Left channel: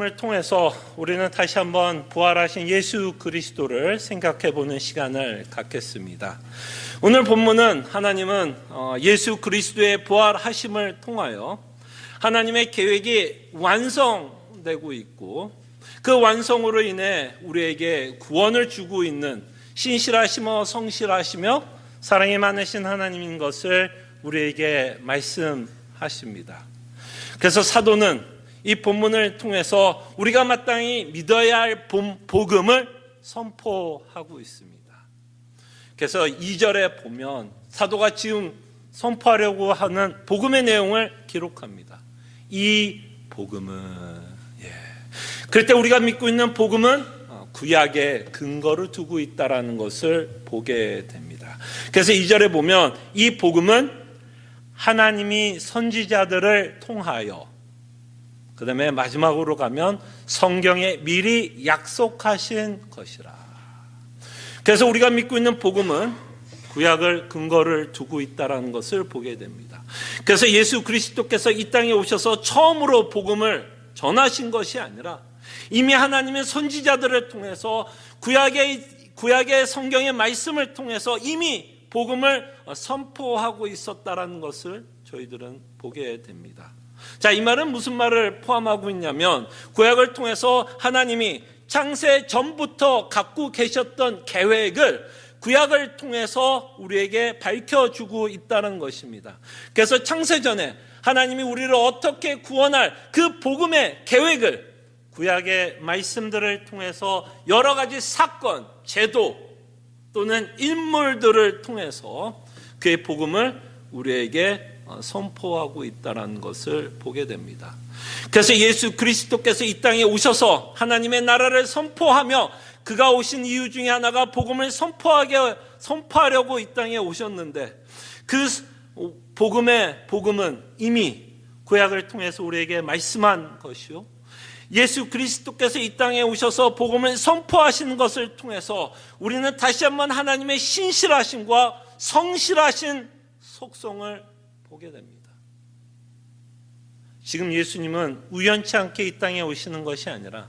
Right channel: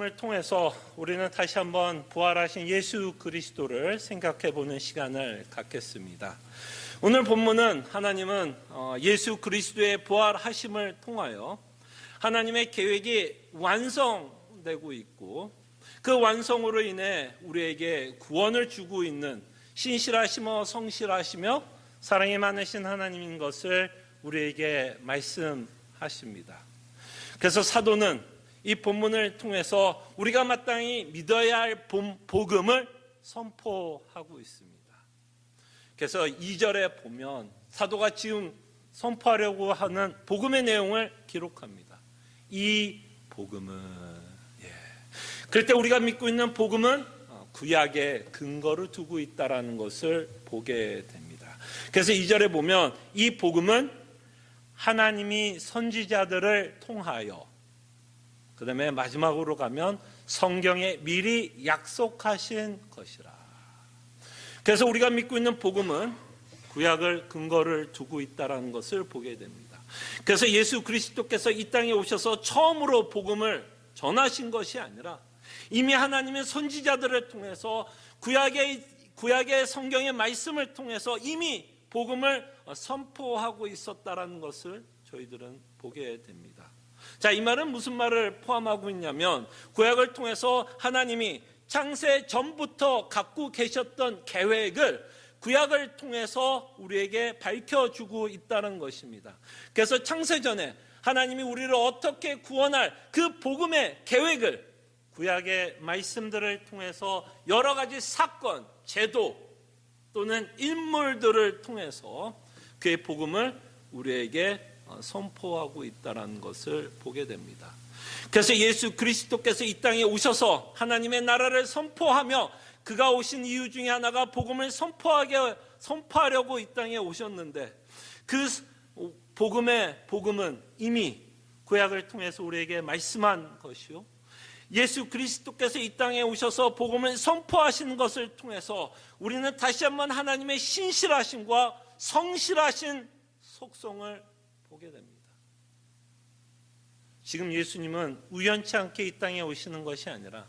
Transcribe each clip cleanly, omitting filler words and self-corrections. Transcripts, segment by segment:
을 통해서 우리는 다시 한번 부활하신 예수 그리스도를 생각해 보는 시간을 갖겠습니다. 오늘 본문은 하나님은 예수 그리스도의 부활하심을 통하여 하나님의 계획이 완성되고 있고 그 완성으로 인해 우리에게 구원을 주고 있는 신실하시며 성실하시며 사랑이 많으신 하나님인 것을 우리에게 말씀하십니다. 그래서 사도는 이 본문을 통해서 우리가 마땅히 믿어야 할 복음을 선포하고 있습니다. 그래서 2절에 보면 사도가 지금 선포하려고 하는 복음의 내용을 기록합니다. 이 복음은 그럴 때 우리가 믿고 있는 복음은 구약의 근거를 두고 있다는 것을 보게 됩니다. 그래서 2절에 보면 이 복음은 하나님이 선지자들을 통하여, 그 다음에 마지막으로 가면 성경에 미리 약속하신 것이라. 그래서 우리가 믿고 있는 복음은 구약을 근거를 두고 있다는 것을 보게 됩니다. 그래서 예수 그리스도께서 이 땅에 오셔서 처음으로 복음을 전하신 것이 아니라 이미 하나님의 선지자들을 통해서 구약의 성경의 말씀을 통해서 이미 복음을 선포하고 있었다는 것을 저희들은 보게 됩니다. 자, 이 말은 무슨 말을 포함하고 있냐면 구약을 통해서 하나님이 창세 전부터 갖고 계셨던 계획을 구약을 통해서 우리에게 밝혀주고 있다는 것입니다. 그래서 창세전에 하나님이 우리를 어떻게 구원할 그 복음의 계획을 구약의 말씀들을 통해서 여러 가지 사건, 제도 또는 인물들을 통해서 그의 복음을 우리에게 선포하고 있다는 것을 보게 됩니다. 그래서 예수 그리스도께서 이 땅에 오셔서 하나님의 나라를 선포하며 그가 오신 이유 중에 하나가 복음을 선포하려고 이 땅에 오셨는데 그 복음은 이미 구약을 통해서 우리에게 말씀한 것이요, 예수 그리스도께서 이 땅에 오셔서 복음을 선포하시는 것을 통해서 우리는 다시 한번 하나님의 신실하심과 성실하신 속성을 보게 됩니다. 지금 예수님은 우연치 않게 이 땅에 오시는 것이 아니라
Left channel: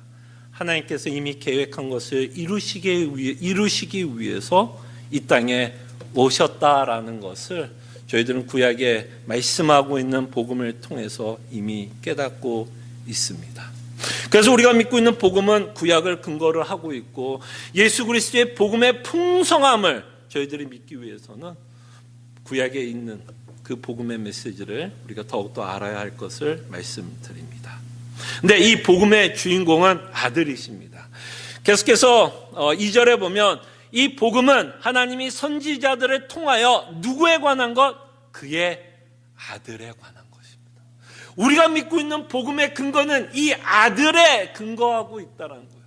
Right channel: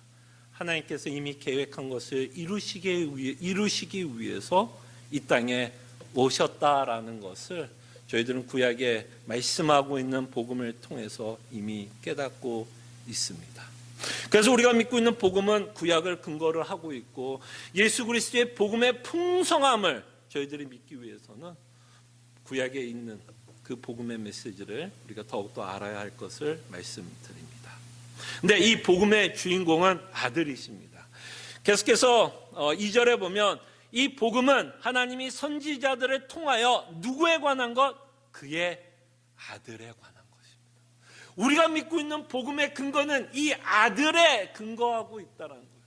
하나님께서 이미 계획한 것을 이루시기 위해서 이 땅에 오셨다라는 것을 저희들은 구약에 말씀하고 있는 복음을 통해서 이미 깨닫고 있습니다. 그래서 우리가 믿고 있는 복음은 구약을 근거로 하고 있고 예수 그리스도의 복음의 풍성함을 저희들이 믿기 위해서는 구약에 있는 그 복음의 메시지를 우리가 더욱더 알아야 할 것을 말씀드립니다. 근데 이 복음의 주인공은 아들이십니다. 계속해서 2절에 보면 이 복음은 하나님이 선지자들을 통하여 누구에 관한 것? 그의 아들에 관한 것입니다. 우리가 믿고 있는 복음의 근거는 이 아들에 근거하고 있다는 거예요.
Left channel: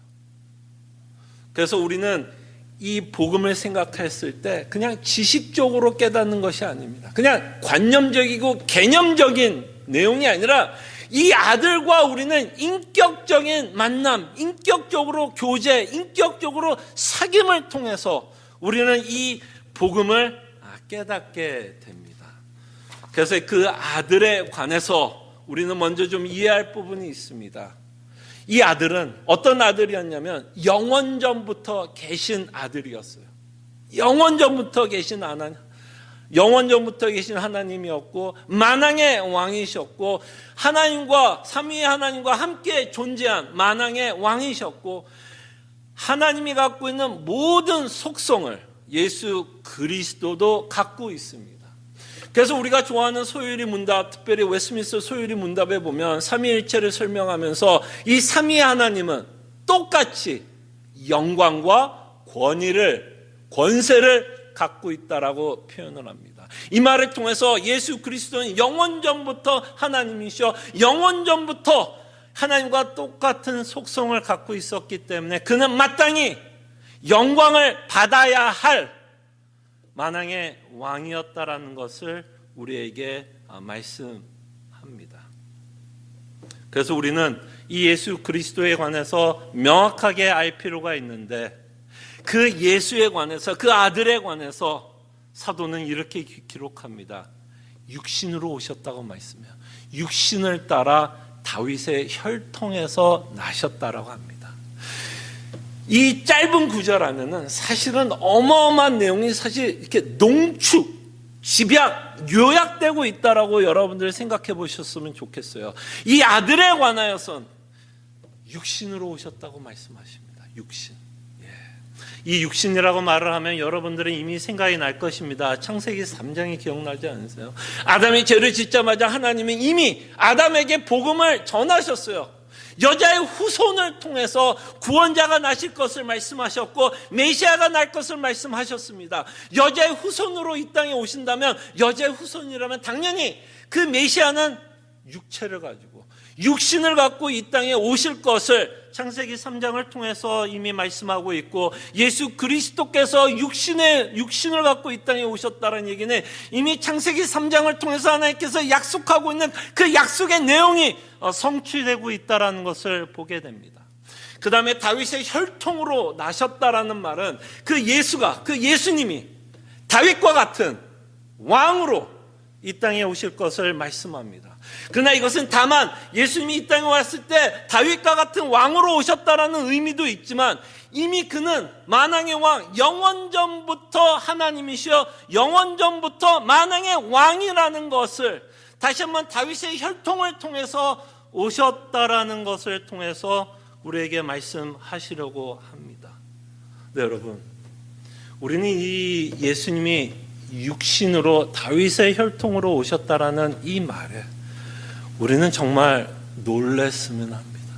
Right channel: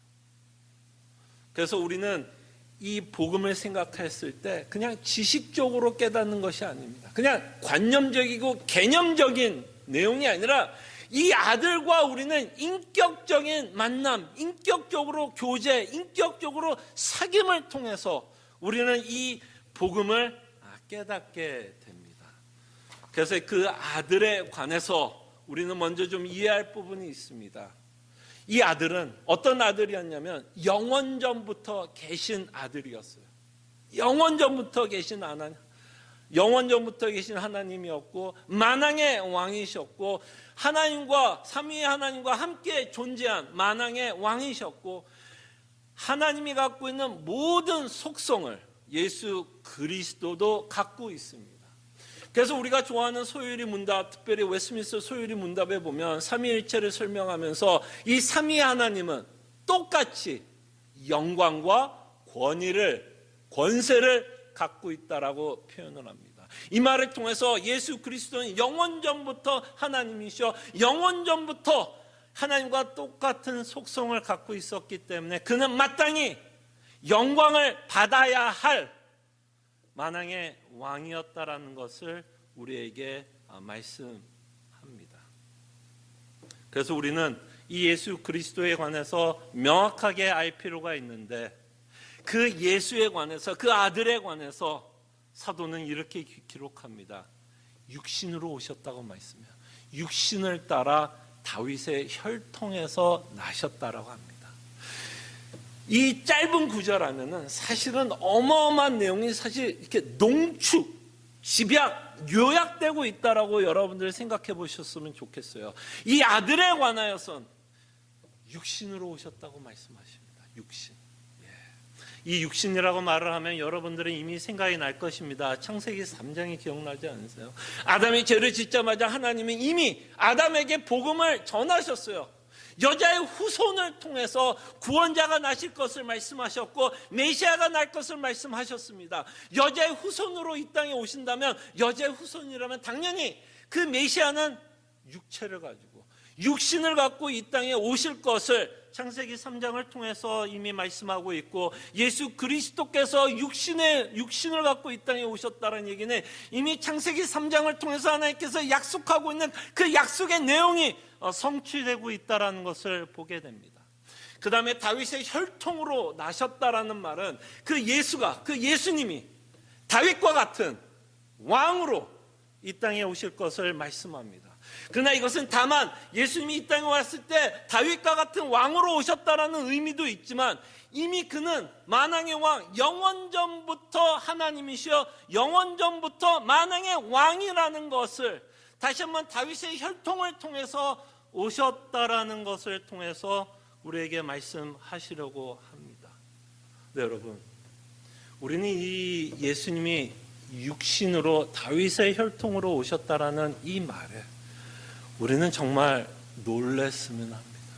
그래서 우리는 이 복음을 생각했을 때 그냥 지식적으로 깨닫는 것이 아닙니다. 그냥 관념적이고 개념적인 내용이 아니라 이 아들과 우리는 인격적인 만남, 인격적으로 교제, 인격적으로 사귐을 통해서 우리는 이 복음을 깨닫게 됩니다. 그래서 그 아들에 관해서 우리는 먼저 좀 이해할 부분이 있습니다. 이 아들은 어떤 아들이었냐면 영원전부터 계신 아들이었어요. 영원전부터 계신 하나님이었고 만왕의 왕이셨고 하나님과 삼위의 하나님과 함께 존재한 만왕의 왕이셨고 하나님이 갖고 있는 모든 속성을 예수 그리스도도 갖고 있습니다. 그래서 우리가 좋아하는 소유리 문답, 특별히 웨스트민스터 소유리 문답에 보면 삼위일체를 설명하면서 이 삼위의 하나님은 똑같이 영광과 권세를 갖고 있다라고 표현을 합니다. 이 말을 통해서 예수 그리스도는 영원전부터 하나님이셔 영원전부터 하나님과 똑같은 속성을 갖고 있었기 때문에 그는 마땅히 영광을 받아야 할 만왕의 왕이었다라는 것을 우리에게 말씀합니다. 그래서 우리는 이 예수 그리스도에 관해서 명확하게 알 필요가 있는데 그 예수에 관해서 그 아들에 관해서 사도는 이렇게 기록합니다. 육신으로 오셨다고 말씀해요. 육신을 따라 다윗의 혈통에서 나셨다라고 합니다. 이 짧은 구절 안에는 사실은 어마어마한 내용이 사실 이렇게 농축, 집약, 요약되고 있다라고 여러분들 생각해 보셨으면 좋겠어요. 이 아들에 관하여선 육신으로 오셨다고 말씀하십니다. 육신. 이 육신이라고 말을 하면 여러분들은 이미 생각이 날 것입니다. 창세기 3장이 기억나지 않으세요? 아담이 죄를 짓자마자 하나님은 이미 아담에게 복음을 전하셨어요. 여자의 후손을 통해서 구원자가 나실 것을 말씀하셨고 메시아가 날 것을 말씀하셨습니다. 여자의 후손으로 이 땅에 오신다면, 여자의 후손이라면 당연히 그 메시아는 육체를 가지고 육신을 갖고 이 땅에 오실 것을 창세기 3장을 통해서 이미 말씀하고 있고, 예수 그리스도께서 육신을 갖고 이 땅에 오셨다는 얘기는 이미 창세기 3장을 통해서 하나님께서 약속하고 있는 그 약속의 내용이 성취되고 있다는 것을 보게 됩니다. 그 다음에 다윗의 혈통으로 나셨다라는 말은 그 예수가, 그 예수님이 다윗과 같은 왕으로 이 땅에 오실 것을 말씀합니다. 그러나 이것은 다만 예수님이 이 땅에 왔을 때 다윗과 같은 왕으로 오셨다라는 의미도 있지만, 이미 그는 만왕의 왕, 영원전부터 하나님이시여 영원전부터 만왕의 왕이라는 것을 다시 한번 다윗의 혈통을 통해서 오셨다라는 것을 통해서 우리에게 말씀하시려고 합니다. 네, 여러분, 우리는 이 예수님이 육신으로 다윗의 혈통으로 오셨다라는 이 말에 우리는 정말 놀랐으면 합니다.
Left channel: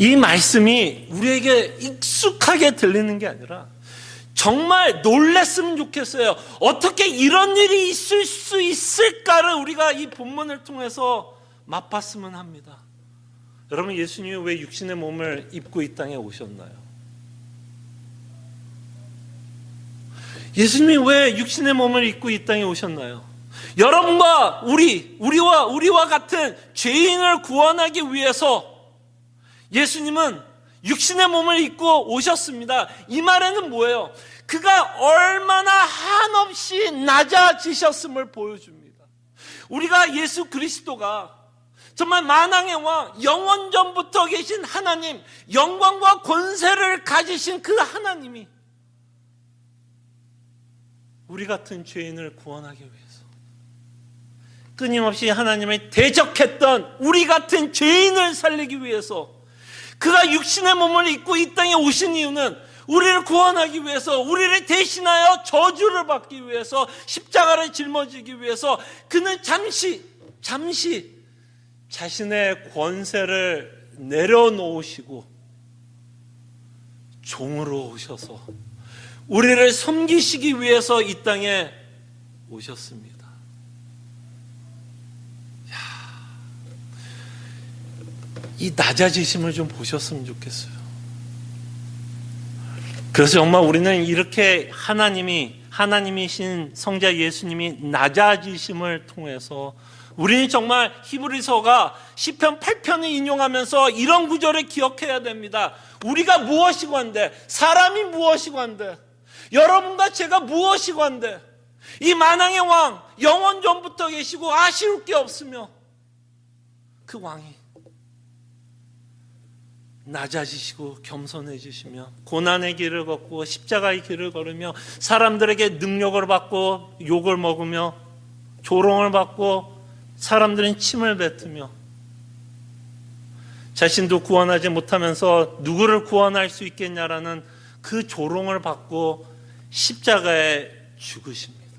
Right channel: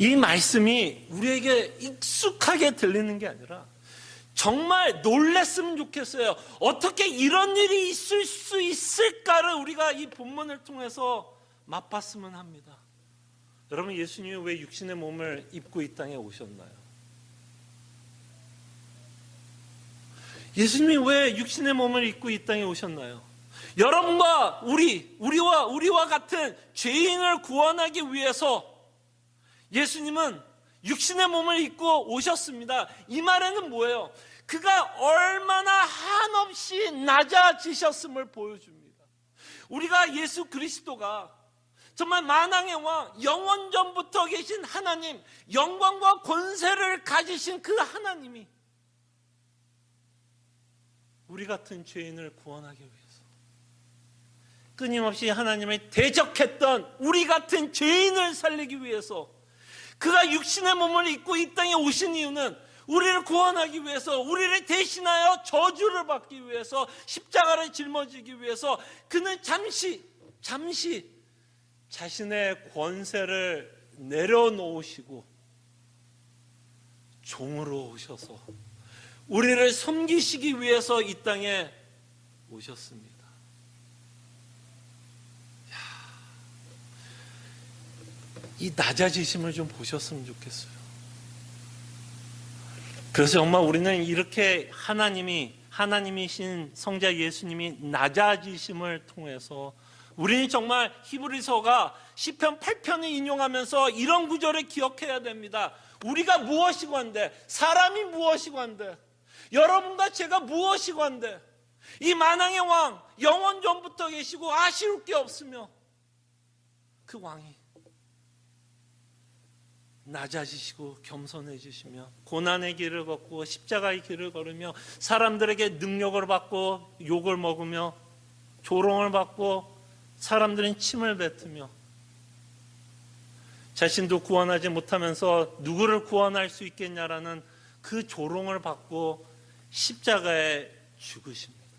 이 말씀이 우리에게 익숙하게 들리는 게 아니라 정말 놀랐으면 좋겠어요. 어떻게 이런 일이 있을 수 있을까를 우리가 이 본문을 통해서 맛봤으면 합니다. 여러분, 예수님이 왜 육신의 몸을 입고 이 땅에 오셨나요? 예수님이 왜 육신의 몸을 입고 이 땅에 오셨나요? 여러분과 우리와 같은 죄인을 구원하기 위해서 예수님은 육신의 몸을 입고 오셨습니다. 이 말에는 뭐예요? 그가 얼마나 한없이 낮아지셨음을 보여줍니다. 우리가 예수 그리스도가 정말 만왕의 왕, 영원전부터 계신 하나님, 영광과 권세를 가지신 그 하나님이 우리 같은 죄인을 구원하기 위해서 끊임없이 하나님을 대적했던 우리 같은 죄인을 살리기 위해서 그가 육신의 몸을 입고 이 땅에 오신 이유는 우리를 구원하기 위해서, 우리를 대신하여 저주를 받기 위해서, 십자가를 짊어지기 위해서 그는 잠시 자신의 권세를 내려놓으시고 종으로 오셔서 우리를 섬기시기 위해서 이 땅에 오셨습니다. 이 낮아지심을 좀 보셨으면 좋겠어요. 그래서 정말 우리는 이렇게 하나님이신 성자 예수님이 낮아지심을 통해서 우리는 정말 히브리서가 시편 8편을 인용하면서 이런 구절을 기억해야 됩니다. 우리가 무엇이고 한데, 사람이 무엇이고 한데, 여러분과 제가 무엇이고 한데, 이 만왕의 왕, 영원전부터 계시고 아쉬울 게 없으며 그 왕이 낮아지시고 겸손해지시며 고난의 길을 걷고 십자가의 길을 걸으며 사람들에게 능력을 받고 욕을 먹으며 조롱을 받고 사람들은 침을 뱉으며 자신도 구원하지 못하면서 누구를 구원할 수 있겠냐라는 그 조롱을 받고 십자가에 죽으십니다.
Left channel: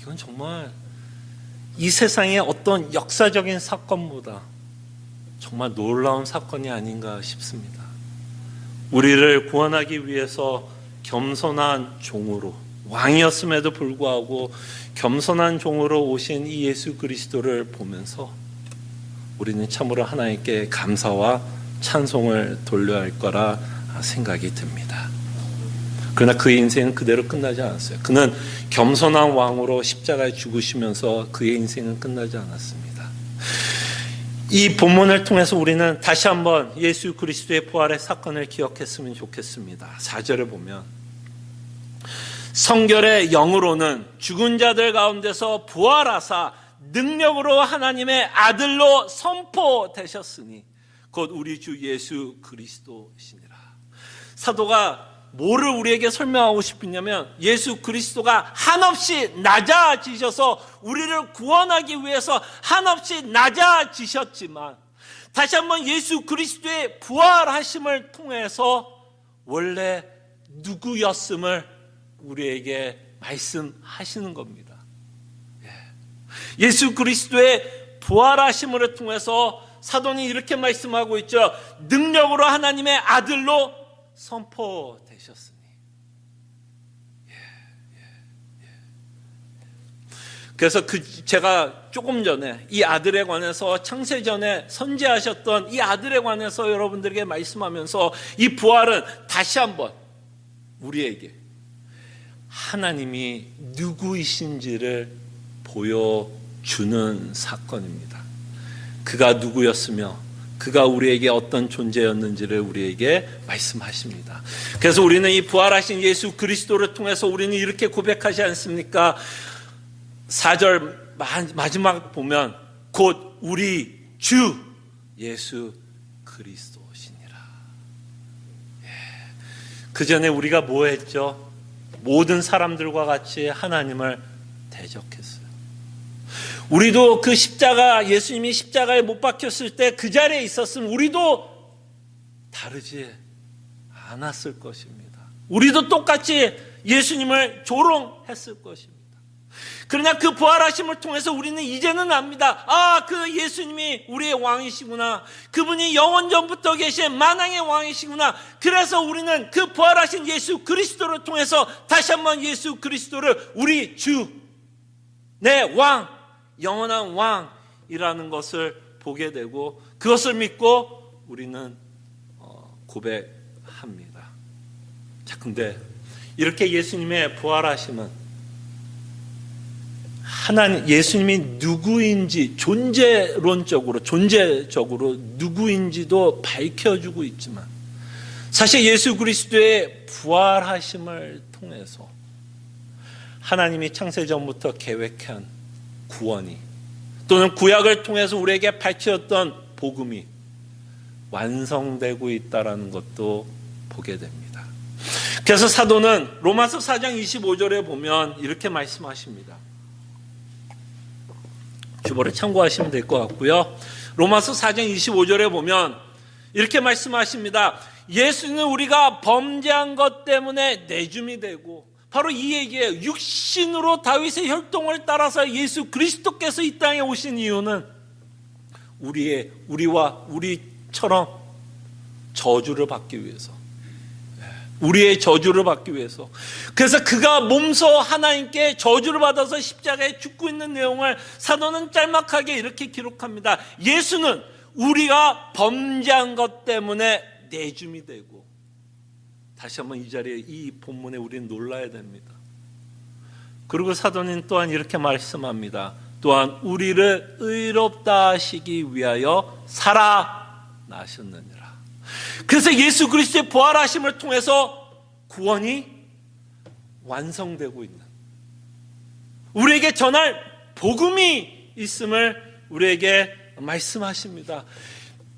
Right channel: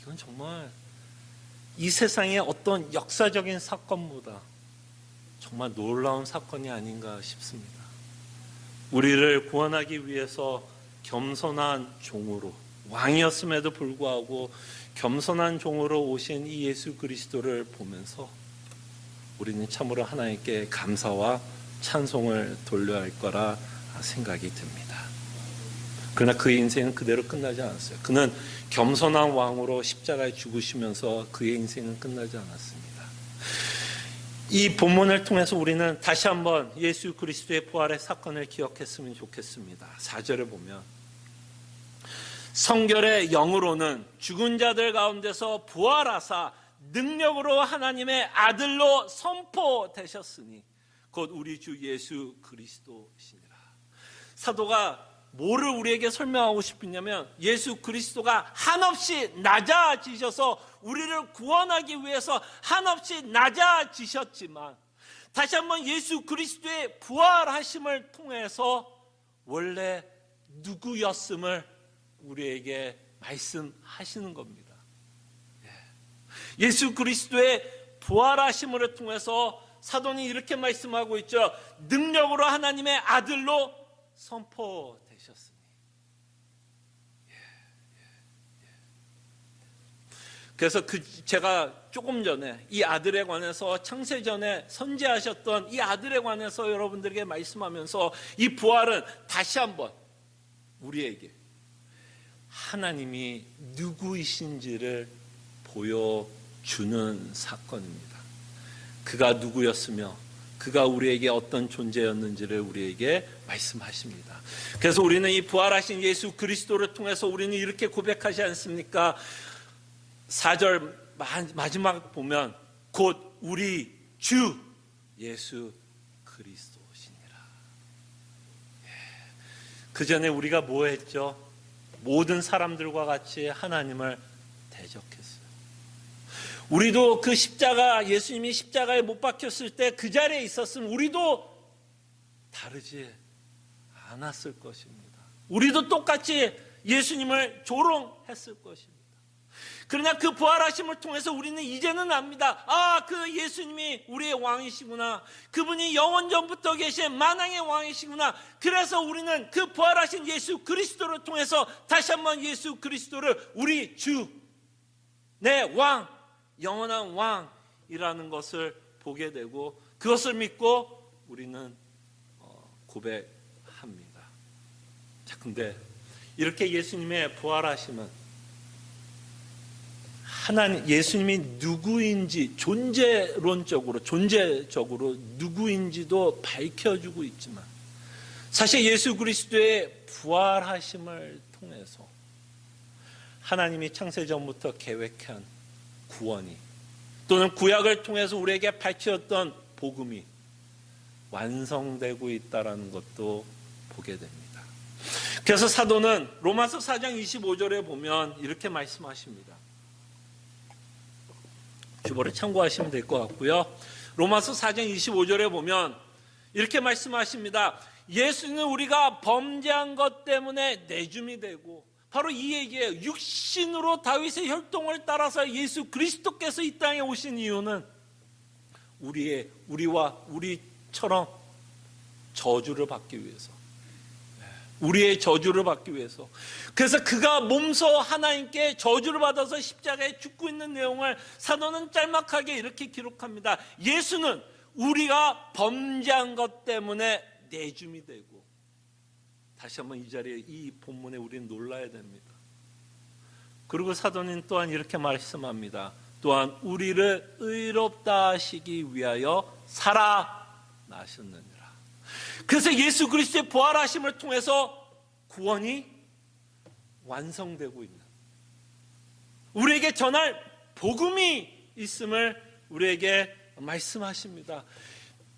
이건 정말 이 세상의 어떤 역사적인 사건보다 정말 놀라운 사건이 아닌가 싶습니다. 우리를 구원하기 위해서 겸손한 종으로, 왕이었음에도 불구하고 겸손한 종으로 오신 이 예수 그리스도를 보면서 우리는 참으로 하나님께 감사와 찬송을 돌려야 할 거라 생각이 듭니다. 그러나 그의 인생은 그대로 끝나지 않았어요. 그는 겸손한 왕으로 십자가에 죽으시면서 그의 인생은 끝나지 않았습니다. 이 본문을 통해서 우리는 다시 한번 예수 그리스도의 부활의 사건을 기억했으면 좋겠습니다. 4절을 보면 성결의 영으로는 죽은 자들 가운데서 부활하사 능력으로 하나님의 아들로 선포되셨으니 곧 우리 주 예수 그리스도시니라. 사도가 뭐를 우리에게 설명하고 싶으냐면 예수 그리스도가 한없이 낮아지셔서 우리를 구원하기 위해서 한없이 낮아지셨지만 다시 한번 예수 그리스도의 부활하심을 통해서 원래 누구였음을 우리에게 말씀하시는 겁니다. 예수 그리스도의 부활하심을 통해서 사도는 이렇게 말씀하고 있죠. 능력으로 하나님의 아들로 선포되셨으니. 그래서 제가 조금 전에 이 아들에 관해서 창세전에 선지하셨던 이 아들에 관해서 여러분들에게 말씀하면서 이 부활은 다시 한번 우리에게 하나님이 누구이신지를 보여주는 사건입니다. 그가 누구였으며 그가 우리에게 어떤 존재였는지를 우리에게 말씀하십니다. 그래서 우리는 이 부활하신 예수 그리스도를 통해서 우리는 이렇게 고백하지 않습니까? 4절 마지막 보면 곧 우리 주 예수 그리스도시니라. 그 전에 우리가 뭐 했죠? 모든 사람들과 같이 하나님을 대적했어요. 우리도 그 십자가, 예수님이 십자가에 못 박혔을 때 그 자리에 있었으면 우리도 다르지 않았을 것입니다. 우리도 똑같이 예수님을 조롱했을 것입니다. 그러나 그 부활하심을 통해서 우리는 이제는 압니다. 아, 그 예수님이 우리의 왕이시구나. 그분이 영원전부터 계신 만왕의 왕이시구나. 그래서 우리는 그 부활하신 예수 그리스도를 통해서 다시 한번 예수 그리스도를 우리 주, 내 왕, 영원한 왕이라는 것을 보게 되고 그것을 믿고 우리는 고백합니다. 자, 근데 이렇게 예수님의 부활하심은 하나님, 예수님이 누구인지 존재적으로 누구인지도 밝혀주고 있지만 사실 예수 그리스도의 부활하심을 통해서 하나님이 창세전부터 계획한 구원이 또는 구약을 통해서 우리에게 밝혔던 복음이 완성되고 있다는 것도 보게 됩니다. 그래서 사도는 로마서 4장 25절에 보면 이렇게 말씀하십니다. 주보를 참고하시면 될 것 같고요. 로마서 4장 25절에 보면 이렇게 말씀하십니다. 예수는 우리가 범죄한 것 때문에 내줌이 되고 바로 이 얘기예요. 육신으로 다윗의 혈통을 따라서 예수 그리스도께서 이 땅에 오신 이유는 우리처럼 저주를 받기 위해서, 우리의 저주를 받기 위해서. 그래서 그가 몸소 하나님께 저주를 받아서 십자가에 죽고 있는 내용을 사도는 짤막하게 이렇게 기록합니다. 예수는 우리가 범죄한 것 때문에 내줌이 되고, 다시 한번 이 자리에 이 본문에 우리는 놀라야 됩니다. 그리고 사도는 또한 이렇게 말씀합니다. 또한 우리를 의롭다 하시기 위하여 살아나셨느니라. 그래서 예수 그리스도의 부활하심을 통해서 구원이 완성되고 있는, 우리에게 전할 복음이 있음을 우리에게 말씀하십니다.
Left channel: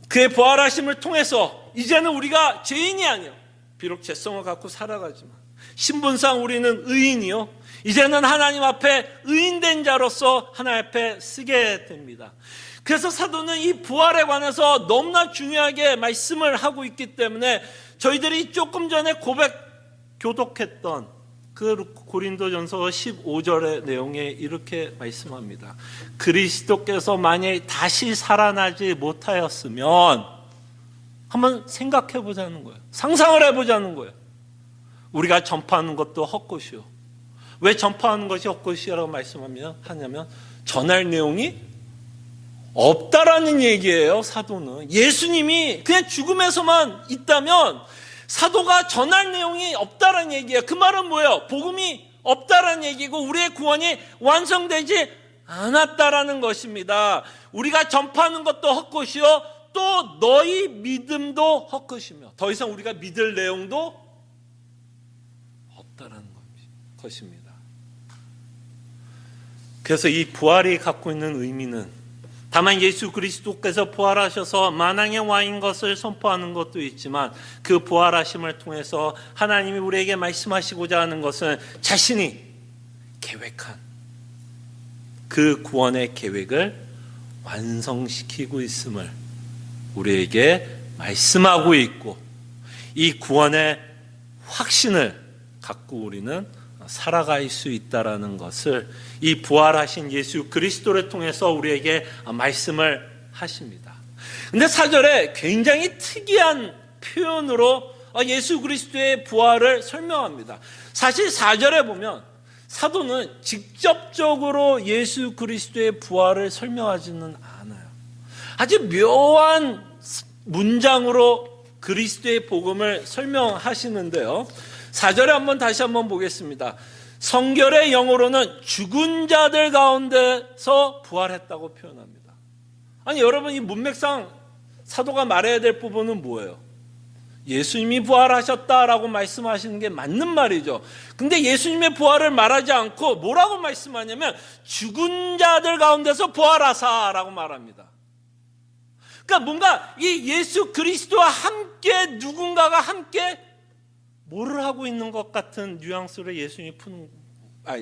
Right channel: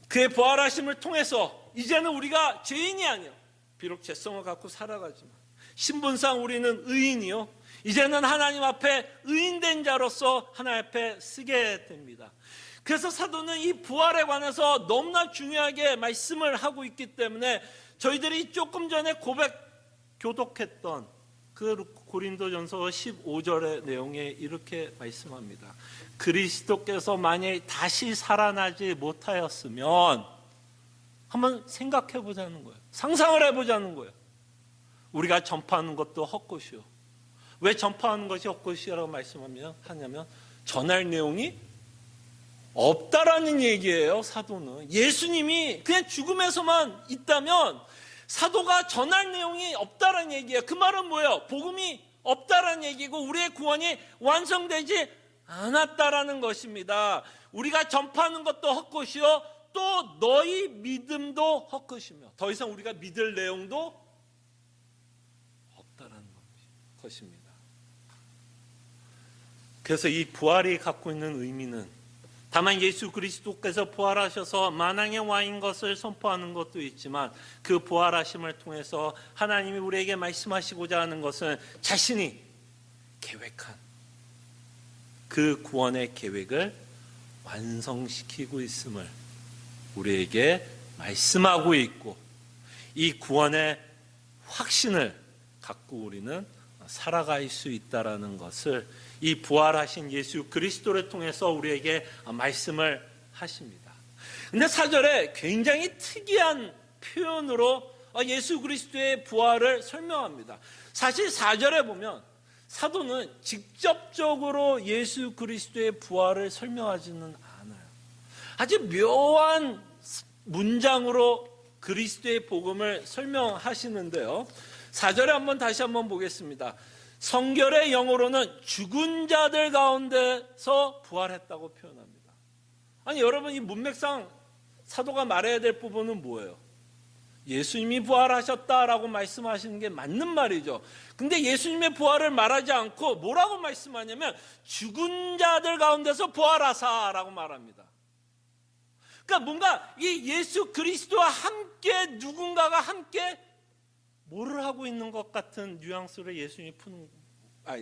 그의 부활하심을 통해서 이제는 우리가 죄인이 아니요, 비록 죄성을 갖고 살아가지만 신분상 우리는 의인이요, 이제는 하나님 앞에 의인된 자로서 하나님 앞에 쓰게 됩니다. 그래서 사도는 이 부활에 관해서 너무나 중요하게 말씀을 하고 있기 때문에 저희들이 조금 전에 교독했던 그 고린도전서 15절의 내용에 이렇게 말씀합니다. 그리스도께서 만일 다시 살아나지 못하였으면, 한번 생각해 보자는 거예요. 상상을 해보자는 거예요. 우리가 전파하는 것도 헛것이요. 왜 전파하는 것이 헛것이라고 말씀하냐면 전할 내용이 없다라는 얘기예요. 사도는 예수님이 그냥 죽음에서만 있다면 사도가 전할 내용이 없다라는 얘기예요. 그 말은 뭐예요? 복음이 없다라는 얘기고 우리의 구원이 완성되지 않았다라는 것입니다. 우리가 전파하는 것도 헛것이요, 또 너희 믿음도 헛것이며 더 이상 우리가 믿을 내용도 없다라는 것입니다. 그래서 이 부활이 갖고 있는 의미는 다만 예수 그리스도께서 부활하셔서 만왕의 왕인 것을 선포하는 것도 있지만 그 부활하심을 통해서 하나님이 우리에게 말씀하시고자 하는 것은 자신이 계획한 그 구원의 계획을 완성시키고 있음을 우리에게 말씀하고 있고, 이 구원의 확신을 갖고 우리는 살아갈 수 있다라는 것을 이 부활하신 예수 그리스도를 통해서 우리에게 말씀을 하십니다. 근데 4절에 굉장히 특이한 표현으로 예수 그리스도의 부활을 설명합니다. 사실 4절에 보면 사도는 직접적으로 예수 그리스도의 부활을 설명하지는 않아요. 아주 묘한 문장으로 그리스도의 복음을 설명하시는데요. 4절에 다시 한번 보겠습니다. 성결의 영어로는 죽은 자들 가운데서 부활했다고 표현합니다. 아니 여러분, 이 문맥상 사도가 말해야 될 부분은 뭐예요? 예수님이 부활하셨다라고 말씀하시는 게 맞는 말이죠. 근데 예수님의 부활을 말하지 않고 뭐라고 말씀하냐면 죽은 자들 가운데서 부활하사라고 말합니다. 그러니까 뭔가 이 예수 그리스도와 함께 누군가가 함께 뭐를 하고 있는 것 같은 뉘앙스로 예수님이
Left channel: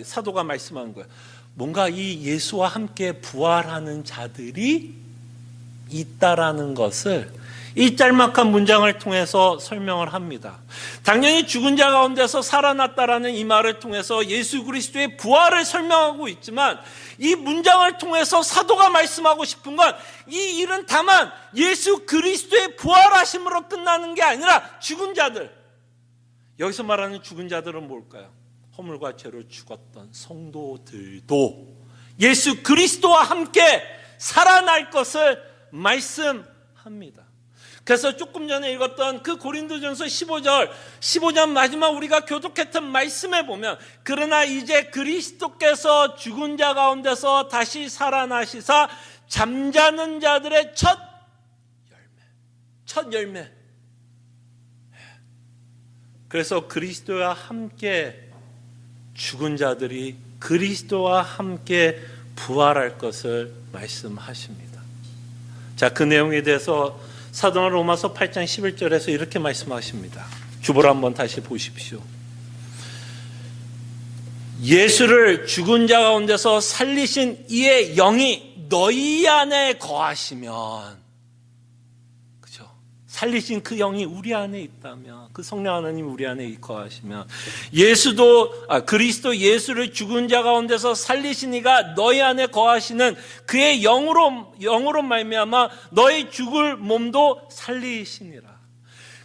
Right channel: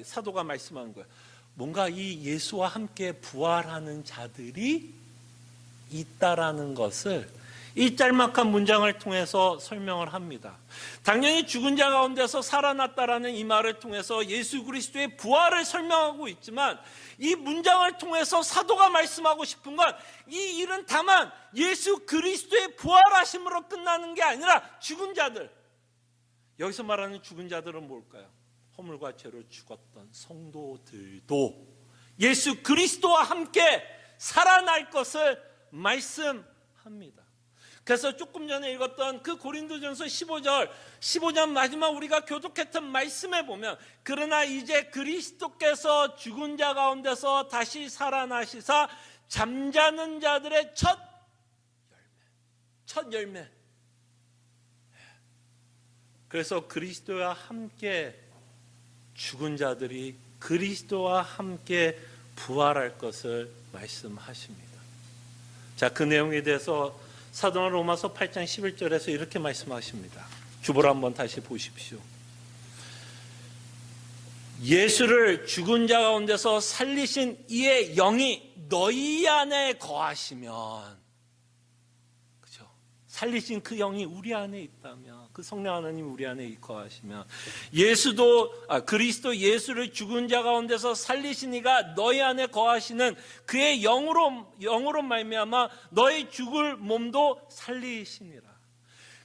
사도가 말씀하는 거예요. 뭔가 이 예수와 함께 부활하는 자들이 있다라는 것을 이 짤막한 문장을 통해서 설명을 합니다. 당연히 죽은 자 가운데서 살아났다라는 이 말을 통해서 예수 그리스도의 부활을 설명하고 있지만, 이 문장을 통해서 사도가 말씀하고 싶은 건 이 일은 다만 예수 그리스도의 부활하심으로 끝나는 게 아니라 죽은 자들, 여기서 말하는 죽은 자들은 뭘까요? 허물과 죄로 죽었던 성도들도 예수 그리스도와 함께 살아날 것을 말씀합니다. 그래서 조금 전에 읽었던 그 고린도전서 15장 마지막 우리가 교독했던 말씀에 보면, 그러나 이제 그리스도께서 죽은 자 가운데서 다시 살아나시사 잠자는 자들의 첫 열매. 그래서 그리스도와 함께 죽은 자들이 그리스도와 함께 부활할 것을 말씀하십니다. 자, 그 내용에 대해서 사도는 로마서 8장 11절에서 이렇게 말씀하십니다. 주보를 한번 다시 보십시오. 예수를 죽은 자 가운데서 살리신 이의 영이 너희 안에 거하시면, 그죠? 살리신 그 영이 우리 안에 있다면, 그 성령 하나님 우리 안에 거하시면, 그리스도 예수를 죽은 자 가운데서 살리신 이가 너희 안에 거하시는 그의 영으로 말미암아 너희 죽을 몸도 살리시니라.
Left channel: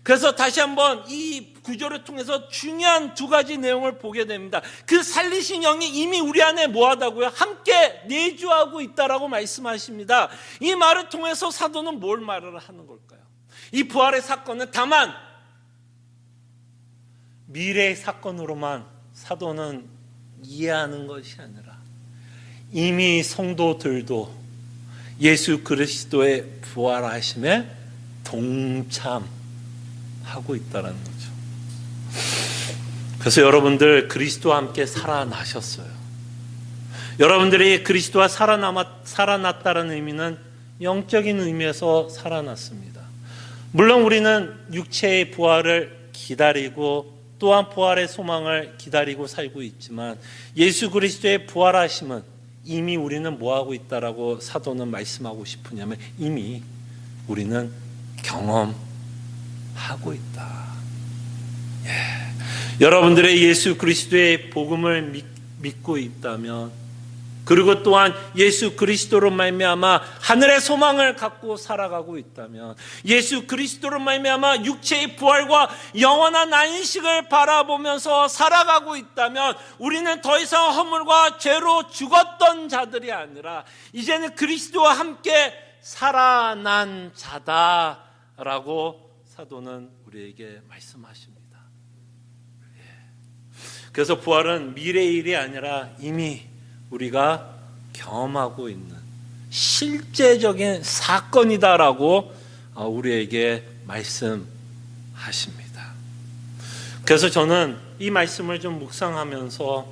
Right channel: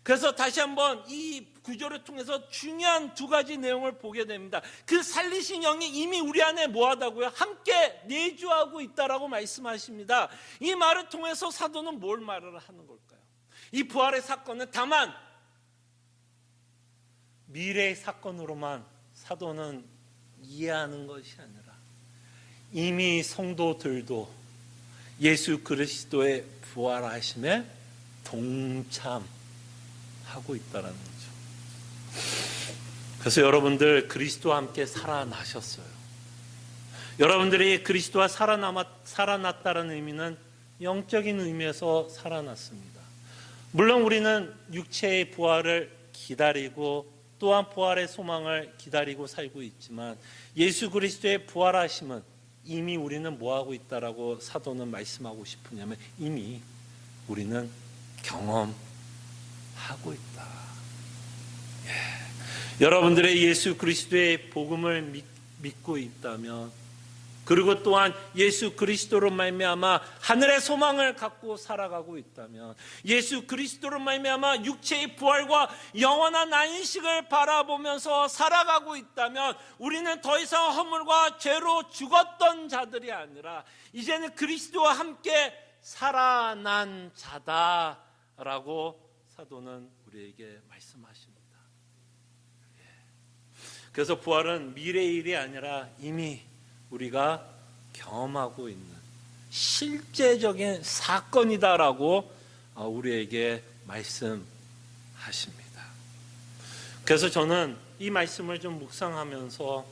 그래서 다시 한번 이 구절을 통해서 중요한 두 가지 내용을 보게 됩니다. 그 살리신 영이 이미 우리 안에 뭐하다고요? 함께 내주하고 있다라고 말씀하십니다. 이 말을 통해서 사도는 뭘 말을 하는 걸까요? 이 부활의 사건은 다만 미래의 사건으로만 사도는 이해하는 것이 아니라 이미 성도들도 예수 그리스도의 부활하심에 동참하고 있다는 거죠. 그래서 여러분들 그리스도와 함께 살아나셨어요. 여러분들이 그리스도와 살아났다는 의미는 영적인 의미에서 살아났습니다. 물론 우리는 육체의 부활을 기다리고 또한 부활의 소망을 기다리고 살고 있지만, 예수 그리스도의 부활하심은 이미 우리는 뭐하고 있다라고 사도는 말씀하고 싶으냐면 이미 우리는 경험하고 있다. 여러분들의 예수 그리스도의 복음을 믿고 있다면, 그리고 또한 예수 그리스도로 말미암아 하늘의 소망을 갖고 살아가고 있다면, 예수 그리스도로 말미암아 육체의 부활과 영원한 안식을 바라보면서 살아가고 있다면, 우리는 더 이상 허물과 죄로 죽었던 자들이 아니라 이제는 그리스도와 함께 살아난 자다라고 사도는 우리에게 말씀하십니다. 그래서 부활은 미래의 일이 아니라 이미 우리가 경험하고 있는 실제적인 사건이다라고 우리에게 말씀하십니다. 그래서 저는 이 말씀을 좀 묵상하면서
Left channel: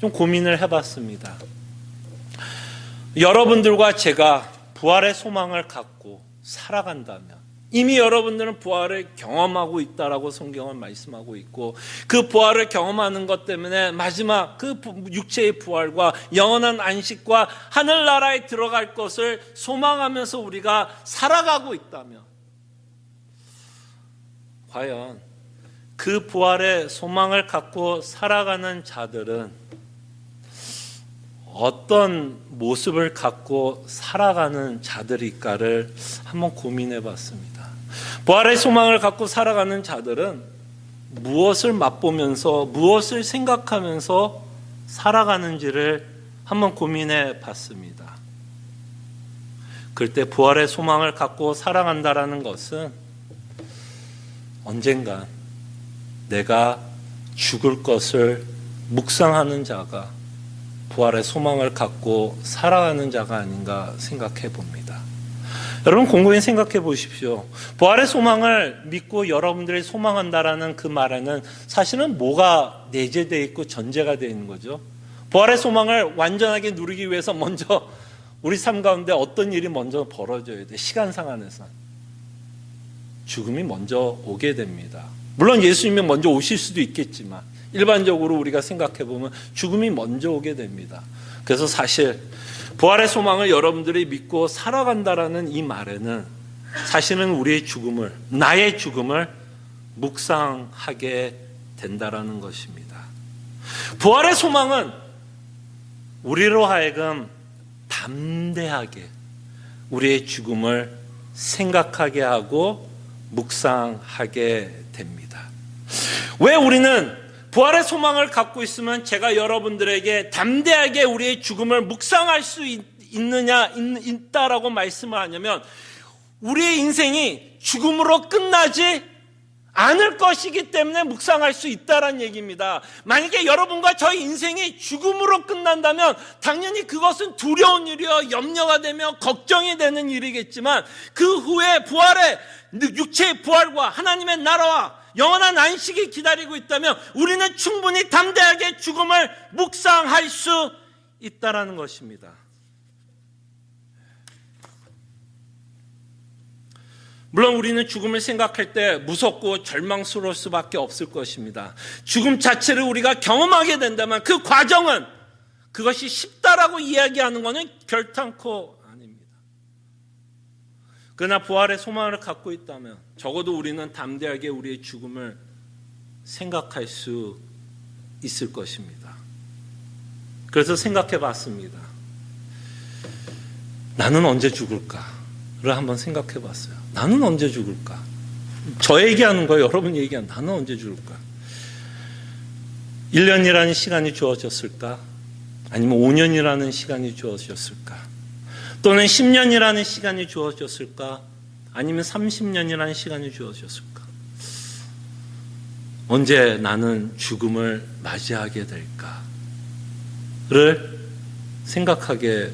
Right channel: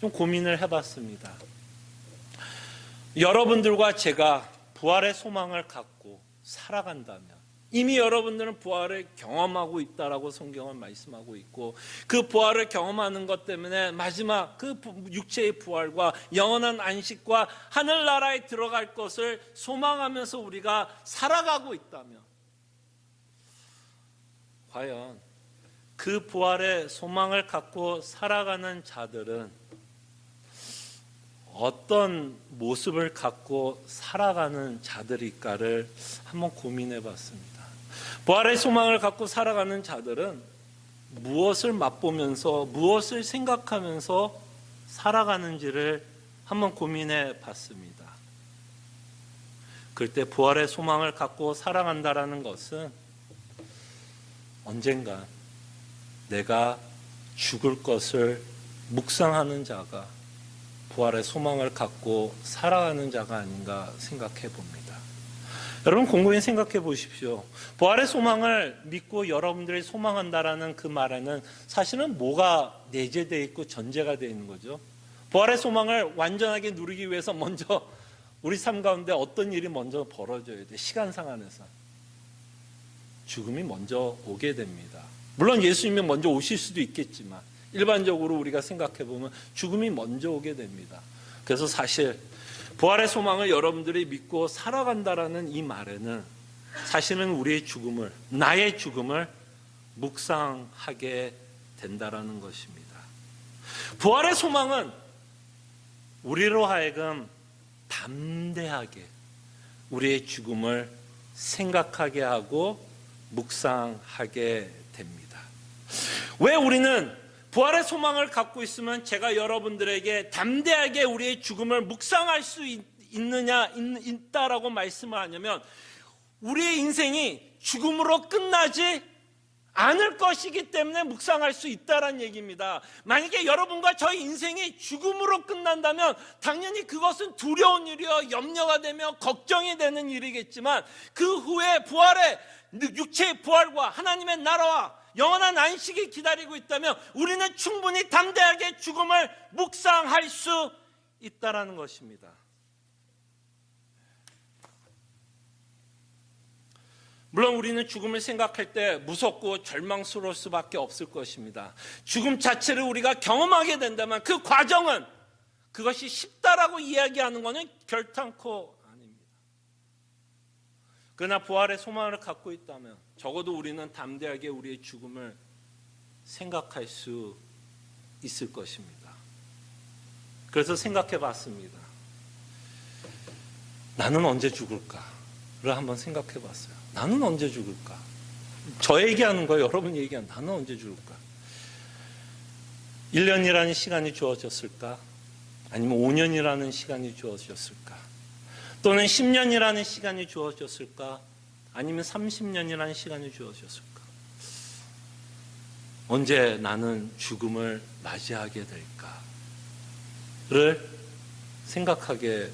좀 고민을 해봤습니다. 여러분들과 제가 부활의 소망을 갖고 살아간다면, 이미 여러분들은 부활을 경험하고 있다라고 성경은 말씀하고 있고, 그 부활을 경험하는 것 때문에 마지막 그 육체의 부활과 영원한 안식과 하늘나라에 들어갈 것을 소망하면서 우리가 살아가고 있다면, 과연 그 부활의 소망을 갖고 살아가는 자들은 어떤 모습을 갖고 살아가는 자들일까를 한번 고민해 봤습니다. 부활의 소망을 갖고 살아가는 자들은 무엇을 맛보면서 무엇을 생각하면서 살아가는지를 한번 고민해 봤습니다. 그럴 때 부활의 소망을 갖고 살아간다라는 것은 언젠가 내가 죽을 것을 묵상하는 자가 부활의 소망을 갖고 살아가는 자가 아닌가 생각해 봅니다. 여러분 곰곰이 생각해 보십시오. 부활의 소망을 믿고 여러분들이 소망한다라는 그 말에는 사실은 뭐가 내재되어 있고 전제가 되어 있는 거죠. 부활의 소망을 완전하게 누리기 위해서 먼저 우리 삶 가운데 어떤 일이 먼저 벌어져야 돼. 시간상 안에서 죽음이 먼저 오게 됩니다. 물론 예수님이 먼저 오실 수도 있겠지만 일반적으로 우리가 생각해 보면 죽음이 먼저 오게 됩니다. 그래서 사실 부활의 소망을 여러분들이 믿고 살아간다라는 이 말에는 사실은 우리의 죽음을, 나의 죽음을 묵상하게 된다라는 것입니다. 부활의 소망은 우리로 하여금 담대하게 우리의 죽음을 생각하게 하고 묵상하게 됩니다. 왜 우리는 부활의 소망을 갖고 있으면 제가 여러분들에게 담대하게 우리의 죽음을 묵상할 수 있다라고 말씀을 하냐면, 우리의 인생이 죽음으로 끝나지 않을 것이기 때문에 묵상할 수 있다라는 얘기입니다. 만약에 여러분과 저희 인생이 죽음으로 끝난다면 당연히 그것은 두려운 일이요, 염려가 되며 걱정이 되는 일이겠지만, 그 후에 부활의 육체의 부활과 하나님의 나라와 영원한 안식이 기다리고 있다면 우리는 충분히 담대하게 죽음을 묵상할 수 있다라는 것입니다. 물론 우리는 죽음을 생각할 때 무섭고 절망스러울 수밖에 없을 것입니다. 죽음 자체를 우리가 경험하게 된다면 그 과정은 그것이 쉽다라고 이야기하는 것은 결탄코 아닙니다. 그러나 부활의 소망을 갖고 있다면 적어도 우리는 담대하게 우리의 죽음을 생각할 수 있을 것입니다. 그래서 생각해 봤습니다. 나는 언제 죽을까를 한번 생각해 봤어요. 나는 언제 죽을까? 저 얘기하는 거예요. 여러분 얘기하는, 나는 언제 죽을까? 1년이라는 시간이 주어졌을까? 아니면 5년이라는 시간이 주어졌을까? 또는 10년이라는 시간이 주어졌을까? 아니면 30년이라는 시간이 주어졌을까? 언제 나는 죽음을 맞이하게 될까를 생각하게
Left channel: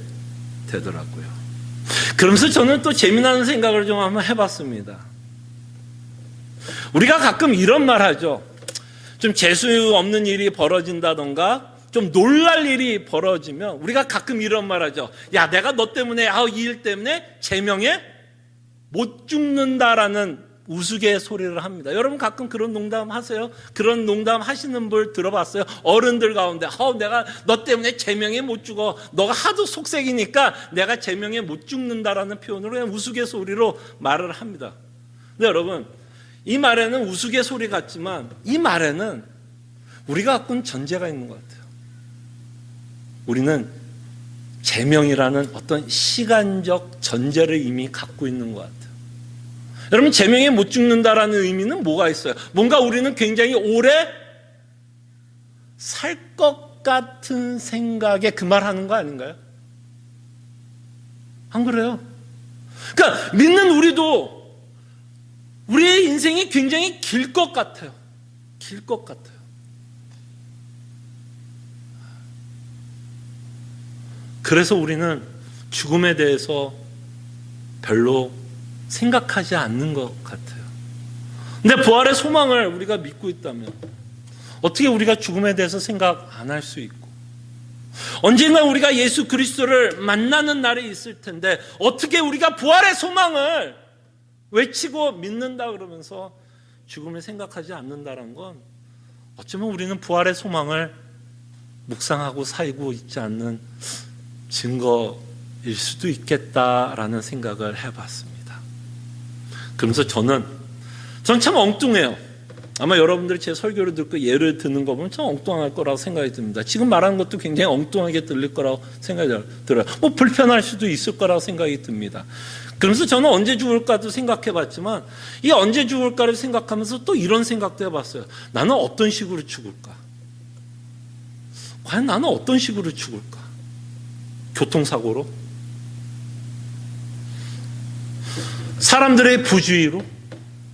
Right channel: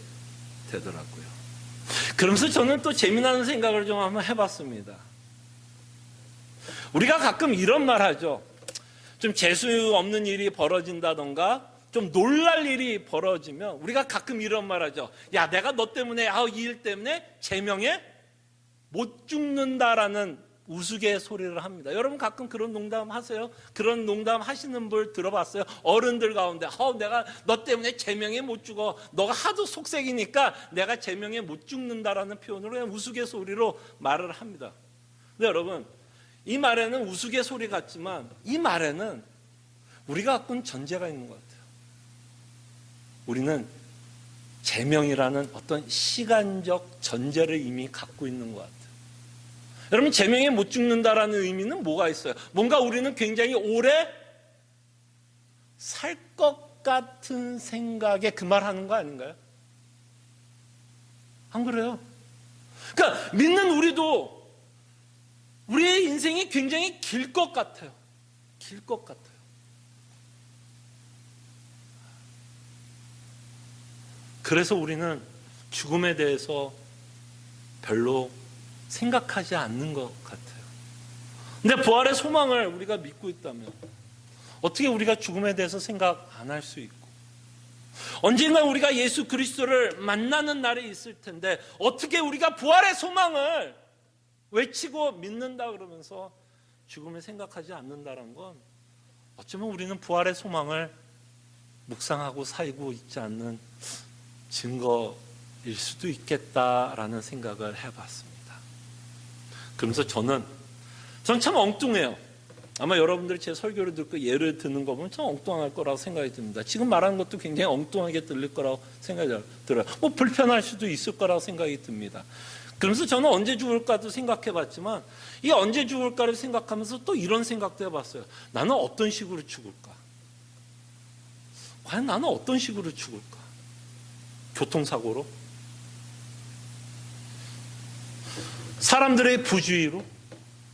되더라고요. 그러면서 저는 또 재미나는 생각을 좀 한번 해봤습니다. 우리가 가끔 이런 말 하죠. 좀 재수 없는 일이 벌어진다던가 좀 놀랄 일이 벌어지면 우리가 가끔 이런 말 하죠. 야, 내가 너 때문에, 이 일 때문에 제명에 못 죽는다라는 우스갯소리를 합니다. 여러분 가끔 그런 농담 하세요? 그런 농담 하시는 분 들어봤어요? 어른들 가운데 내가 너 때문에 제명에 못 죽어. 너가 하도 속색이니까 내가 제명에 못 죽는다라는 표현으로 그냥 우스갯소리로 말을 합니다. 근데 여러분, 이 말에는 우스갯소리 같지만 이 말에는 우리가 갖고 있는 전제가 있는 것 같아요. 우리는 제명이라는 어떤 시간적 전제를 이미 갖고 있는 것 같아요. 여러분, 제명에 못 죽는다라는 의미는 뭐가 있어요? 뭔가 우리는 굉장히 오래 살 것 같은 생각에 그 말 하는 거 아닌가요? 안 그래요? 그러니까 믿는 우리도 우리의 인생이 굉장히 길 것 같아요. 길 것 같아요. 그래서 우리는 죽음에 대해서 별로 생각하지 않는 것 같아요. 근데 부활의 소망을 우리가 믿고 있다면 어떻게 우리가 죽음에 대해서 생각 안 할 수 있고 언젠가 우리가 예수 그리스도를 만나는 날이 있을 텐데 어떻게 우리가 부활의 소망을 외치고 믿는다 그러면서 죽음을 생각하지 않는다는 건 어쩌면 우리는 부활의 소망을 묵상하고 살고 있지 않는 증거일 수도 있겠다라는 생각을 해봤습니다. 그러면서 저는 참 엉뚱해요. 아마 여러분들이 제 설교를 듣고 예를 드는 거 보면 참 엉뚱할 거라고 생각이 듭니다. 지금 말하는 것도 굉장히 엉뚱하게 들릴 거라고 생각이 들어요. 불편할 수도 있을 거라고 생각이 듭니다. 그러면서 저는 언제 죽을까도 생각해 봤지만 이 언제 죽을까를 생각하면서 또 이런 생각도 해봤어요. 나는 어떤 식으로 죽을까? 과연 나는 어떤 식으로 죽을까? 교통사고로? 사람들의 부주의로?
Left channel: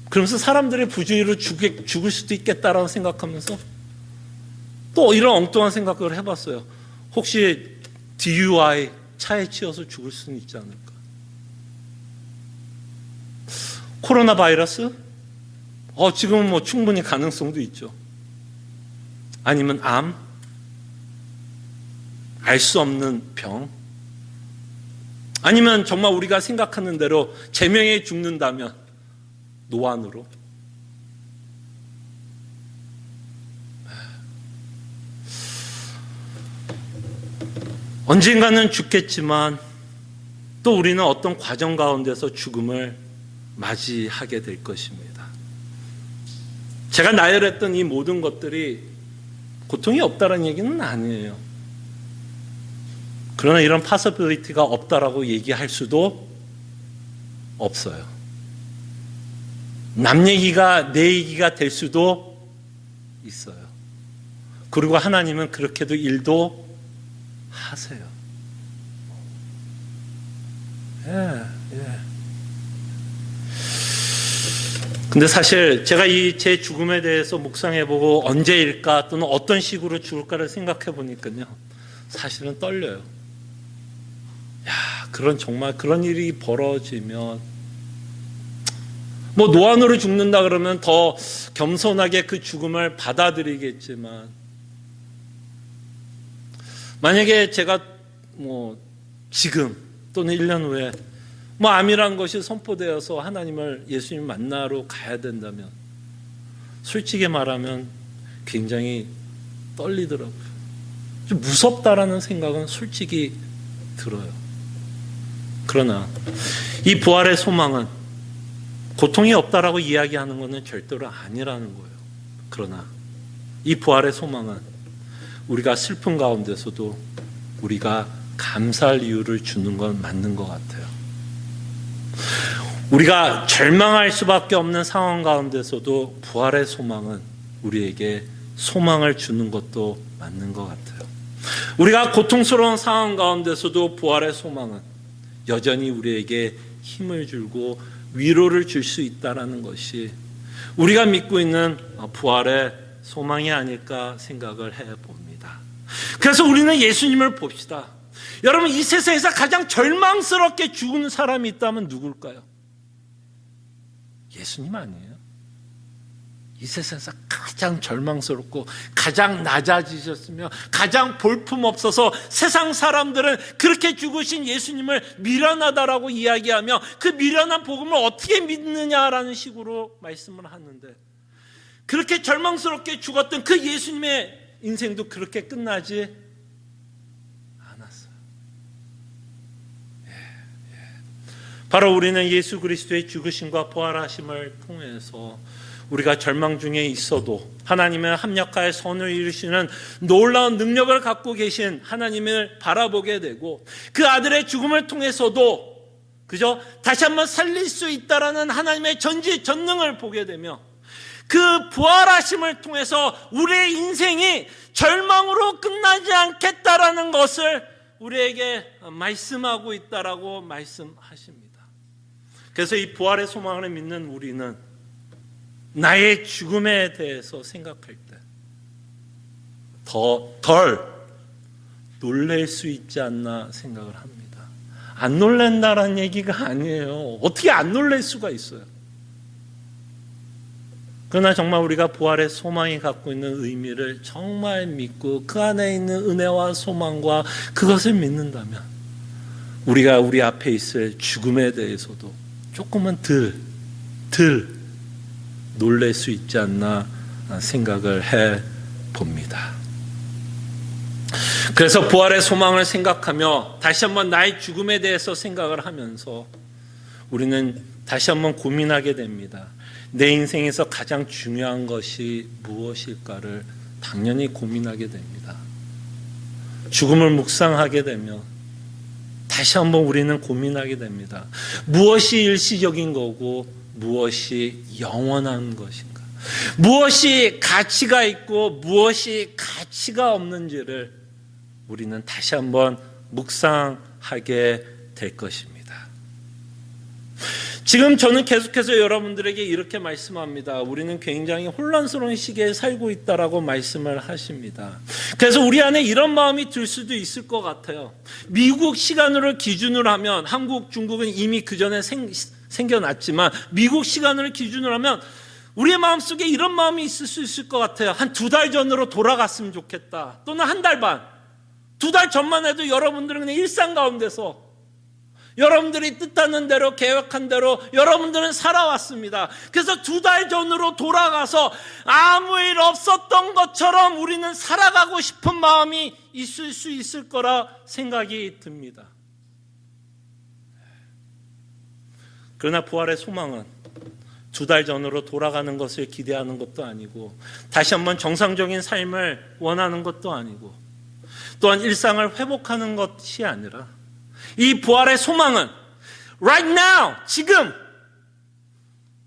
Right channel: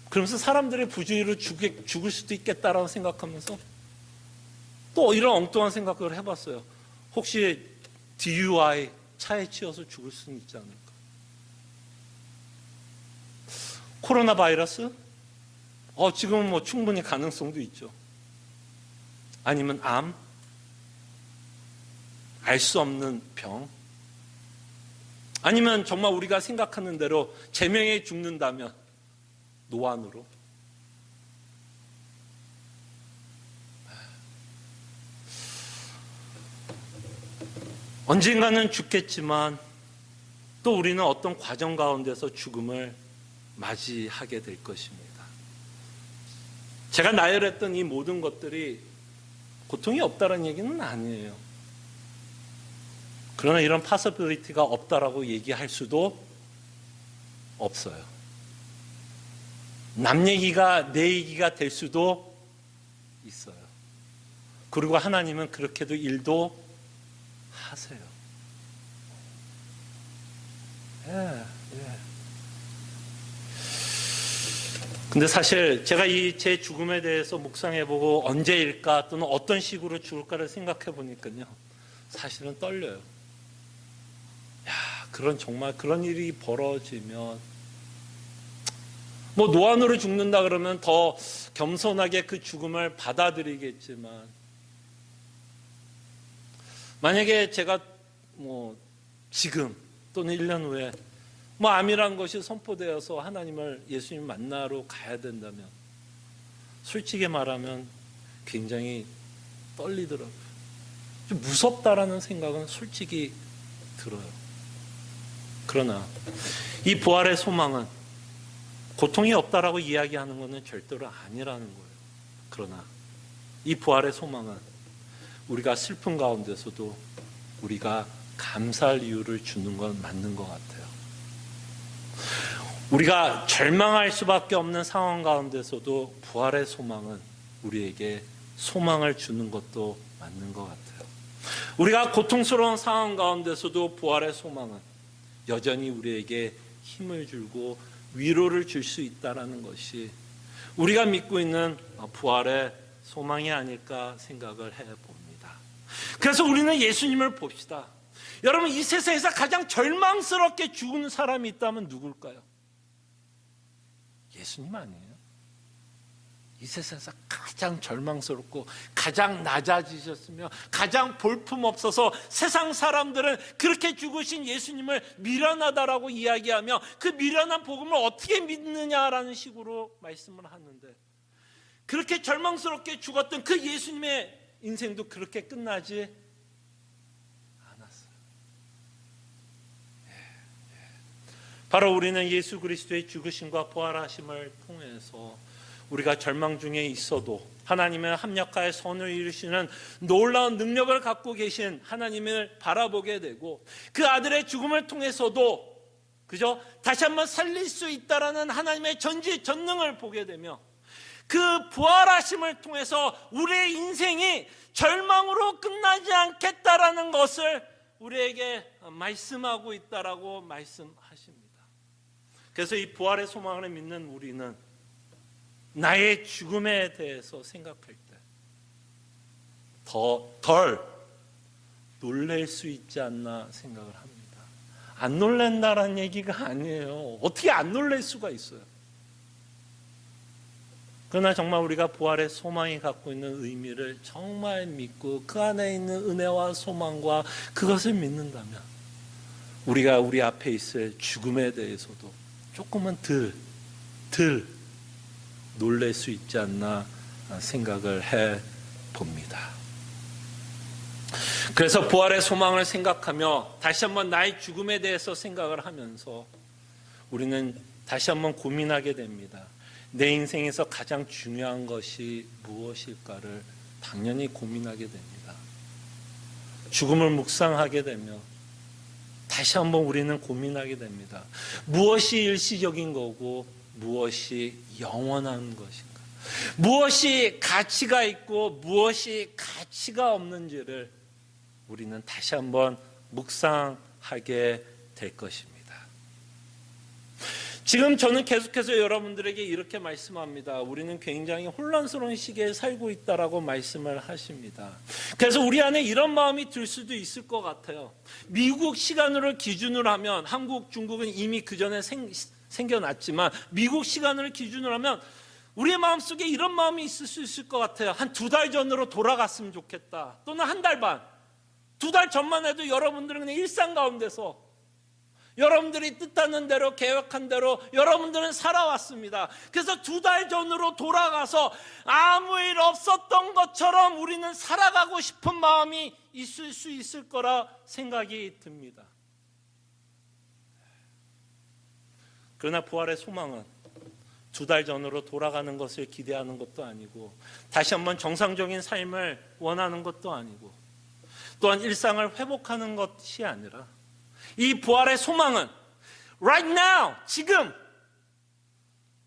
그러면서 사람들의 부주의로 죽을 수도 있겠다라고 생각하면서 또 이런 엉뚱한 생각을 해봤어요. 혹시 DUI 차에 치여서 죽을 수는 있지 않을까? 코로나 바이러스? 지금은 충분히 가능성도 있죠. 아니면 암? 알 수 없는 병? 아니면 정말 우리가 생각하는 대로 제명에 죽는다면 노안으로? 언젠가는 죽겠지만 또 우리는 어떤 과정 가운데서 죽음을 맞이하게 될 것입니다. 제가 나열했던 이 모든 것들이 고통이 없다는 얘기는 아니에요. 그러나 이런 possibility가 없다라고 얘기할 수도 없어요. 남 얘기가 내 얘기가 될 수도 있어요. 그리고 하나님은 그렇게도 일도 하세요. 근데 사실 제가 제 죽음에 대해서 묵상해보고 언제일까 또는 어떤 식으로 죽을까를 생각해보니까요, 사실은 떨려요. 정말 그런 일이 벌어지면 노안으로 죽는다 그러면 더 겸손하게 그 죽음을 받아들이겠지만, 만약에 제가 지금 또는 1년 후에 암이란 것이 선포되어서 하나님을 예수님 만나러 가야 된다면 솔직히 말하면 굉장히 떨리더라고요. 좀 무섭다라는 생각은 솔직히 들어요. 그러나 이 부활의 소망은 고통이 없다라고 이야기하는 것은 절대로 아니라는 거예요. 그러나 이 부활의 소망은 우리가 슬픈 가운데서도 우리가 감사할 이유를 주는 건 맞는 것 같아요. 우리가 절망할 수밖에 없는 상황 가운데서도 부활의 소망은 우리에게 소망을 주는 것도 맞는 것 같아요. 우리가 고통스러운 상황 가운데서도 부활의 소망은 여전히 우리에게 힘을 주고 위로를 줄 수 있다는 것이 우리가 믿고 있는 부활의 소망이 아닐까 생각을 해봅니다. 그래서 우리는 예수님을 봅시다. 여러분, 이 세상에서 가장 절망스럽게 죽은 사람이 있다면 누굴까요? 예수님 아니에요? 이 세상에서 가장 절망스럽고 가장 낮아지셨으며 가장 볼품없어서 세상 사람들은 그렇게 죽으신 예수님을 미련하다라고 이야기하며 그 미련한 복음을 어떻게 믿느냐라는 식으로 말씀을 하는데, 그렇게 절망스럽게 죽었던 그 예수님의 인생도 그렇게 끝나지 않았어요. 바로 우리는 예수 그리스도의 죽으심과 부활하심을 통해서 우리가 절망 중에 있어도 하나님의 합력하여 선을 이루시는 놀라운 능력을 갖고 계신 하나님을 바라보게 되고, 그 아들의 죽음을 통해서도 다시 한번 살릴 수 있다라는 하나님의 전지전능을 보게 되며, 그 부활하심을 통해서 우리의 인생이 절망으로 끝나지 않겠다라는 것을 우리에게 말씀하고 있다라고 말씀하십니다. 그래서 이 부활의 소망을 믿는 우리는 나의 죽음에 대해서 생각할 때 덜 놀랄 수 있지 않나 생각을 합니다. 안 놀란다는 얘기가 아니에요. 어떻게 안 놀랄 수가 있어요? 그러나 정말 우리가 부활의 소망이 갖고 있는 의미를 정말 믿고 그 안에 있는 은혜와 소망과 그것을 믿는다면 우리가 우리 앞에 있을 죽음에 대해서도 조금은 덜 놀랄 수 있지 않나 생각을 해 봅니다. 그래서 부활의 소망을 생각하며 다시 한번 나의 죽음에 대해서 생각을 하면서 우리는 다시 한번 고민하게 됩니다. 내 인생에서 가장 중요한 것이 무엇일까를 당연히 고민하게 됩니다. 죽음을 묵상하게 되면 다시 한번 우리는 고민하게 됩니다. 무엇이 일시적인 거고 무엇이 영원한 것인가? 무엇이 가치가 있고 무엇이 가치가 없는지를 우리는 다시 한번 묵상하게 될 것입니다. 지금 저는 계속해서 여러분들에게 이렇게 말씀합니다. 우리는 굉장히 혼란스러운 시기에 살고 있다라고 말씀을 하십니다. 그래서 우리 안에 이런 마음이 들 수도 있을 것 같아요. 미국 시간으로 기준으로 하면 한국, 중국은 이미 그 전에 생겨났지만 미국 시간을 기준으로 하면 우리의 마음속에 이런 마음이 있을 수 있을 것 같아요. 한 2달 전으로 돌아갔으면 좋겠다. 또는 한 달 반. 2달 전만 해도 여러분들은 그냥 일상 가운데서 여러분들이 뜻하는 대로 계획한 대로 여러분들은 살아왔습니다. 그래서 2달 전으로 돌아가서 아무 일 없었던 것처럼 우리는 살아가고 싶은 마음이 있을 수 있을 거라 생각이 듭니다. 그러나 부활의 소망은 2달 전으로 돌아가는 것을 기대하는 것도 아니고 다시 한번 정상적인 삶을 원하는 것도 아니고 또한 일상을 회복하는 것이 아니라 이 부활의 소망은 right now, 지금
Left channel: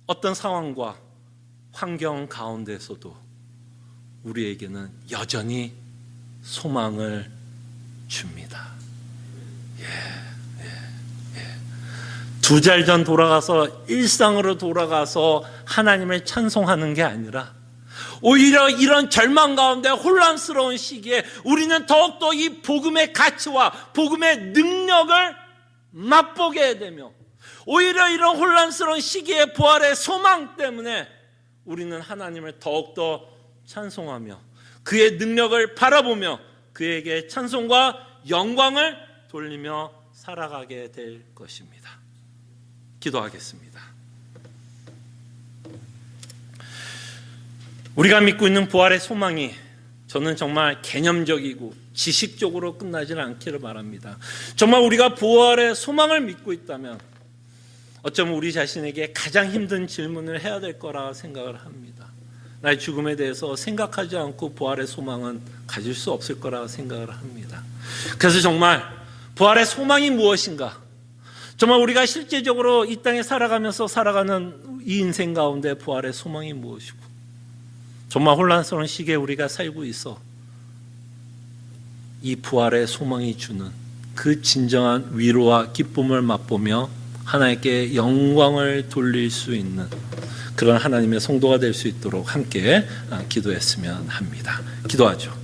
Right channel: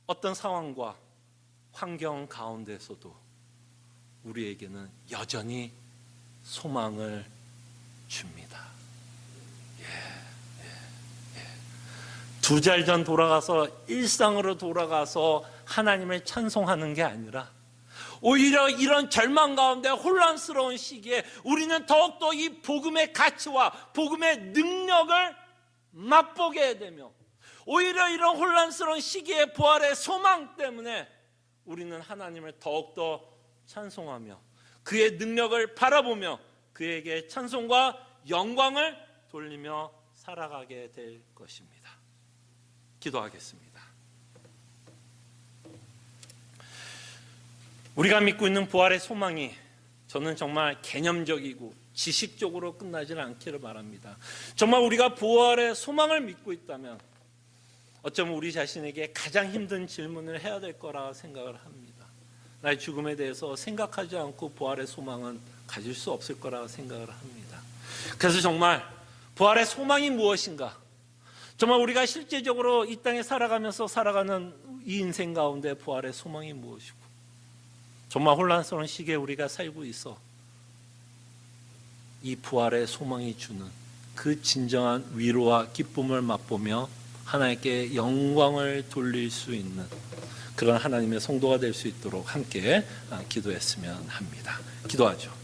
어떤 상황과 환경 가운데서도 우리에게는 여전히 소망을 줍니다. 2달 전 돌아가서 일상으로 돌아가서 하나님을 찬송하는 게 아니라 오히려 이런 절망 가운데 혼란스러운 시기에 우리는 더욱더 이 복음의 가치와 복음의 능력을 맛보게 되며 오히려 이런 혼란스러운 시기에 부활의 소망 때문에 우리는 하나님을 더욱더 찬송하며 그의 능력을 바라보며 그에게 찬송과 영광을 돌리며 살아가게 될 것입니다. 기도하겠습니다. 우리가 믿고 있는 부활의 소망이 저는 정말 개념적이고 지식적으로 끝나지는 않기를 바랍니다. 정말 우리가 부활의 소망을 믿고 있다면 어쩌면 우리 자신에게 가장 힘든 질문을 해야 될 거라 생각을 합니다. 나의 죽음에 대해서 생각하지 않고 부활의 소망은 가질 수 없을 거라 생각을 합니다. 그래서 정말 부활의 소망이 무엇인가? 정말 우리가 실제적으로 이 땅에 살아가면서 살아가는 이 인생 가운데 부활의 소망이 무엇이고 정말 혼란스러운 시기에 우리가 살고 있어 이 부활의 소망이 주는 그 진정한 위로와 기쁨을 맛보며 하나님께 영광을 돌릴 수 있는 그런 하나님의 성도가 될 수 있도록 함께 기도했으면 합니다. 기도하죠.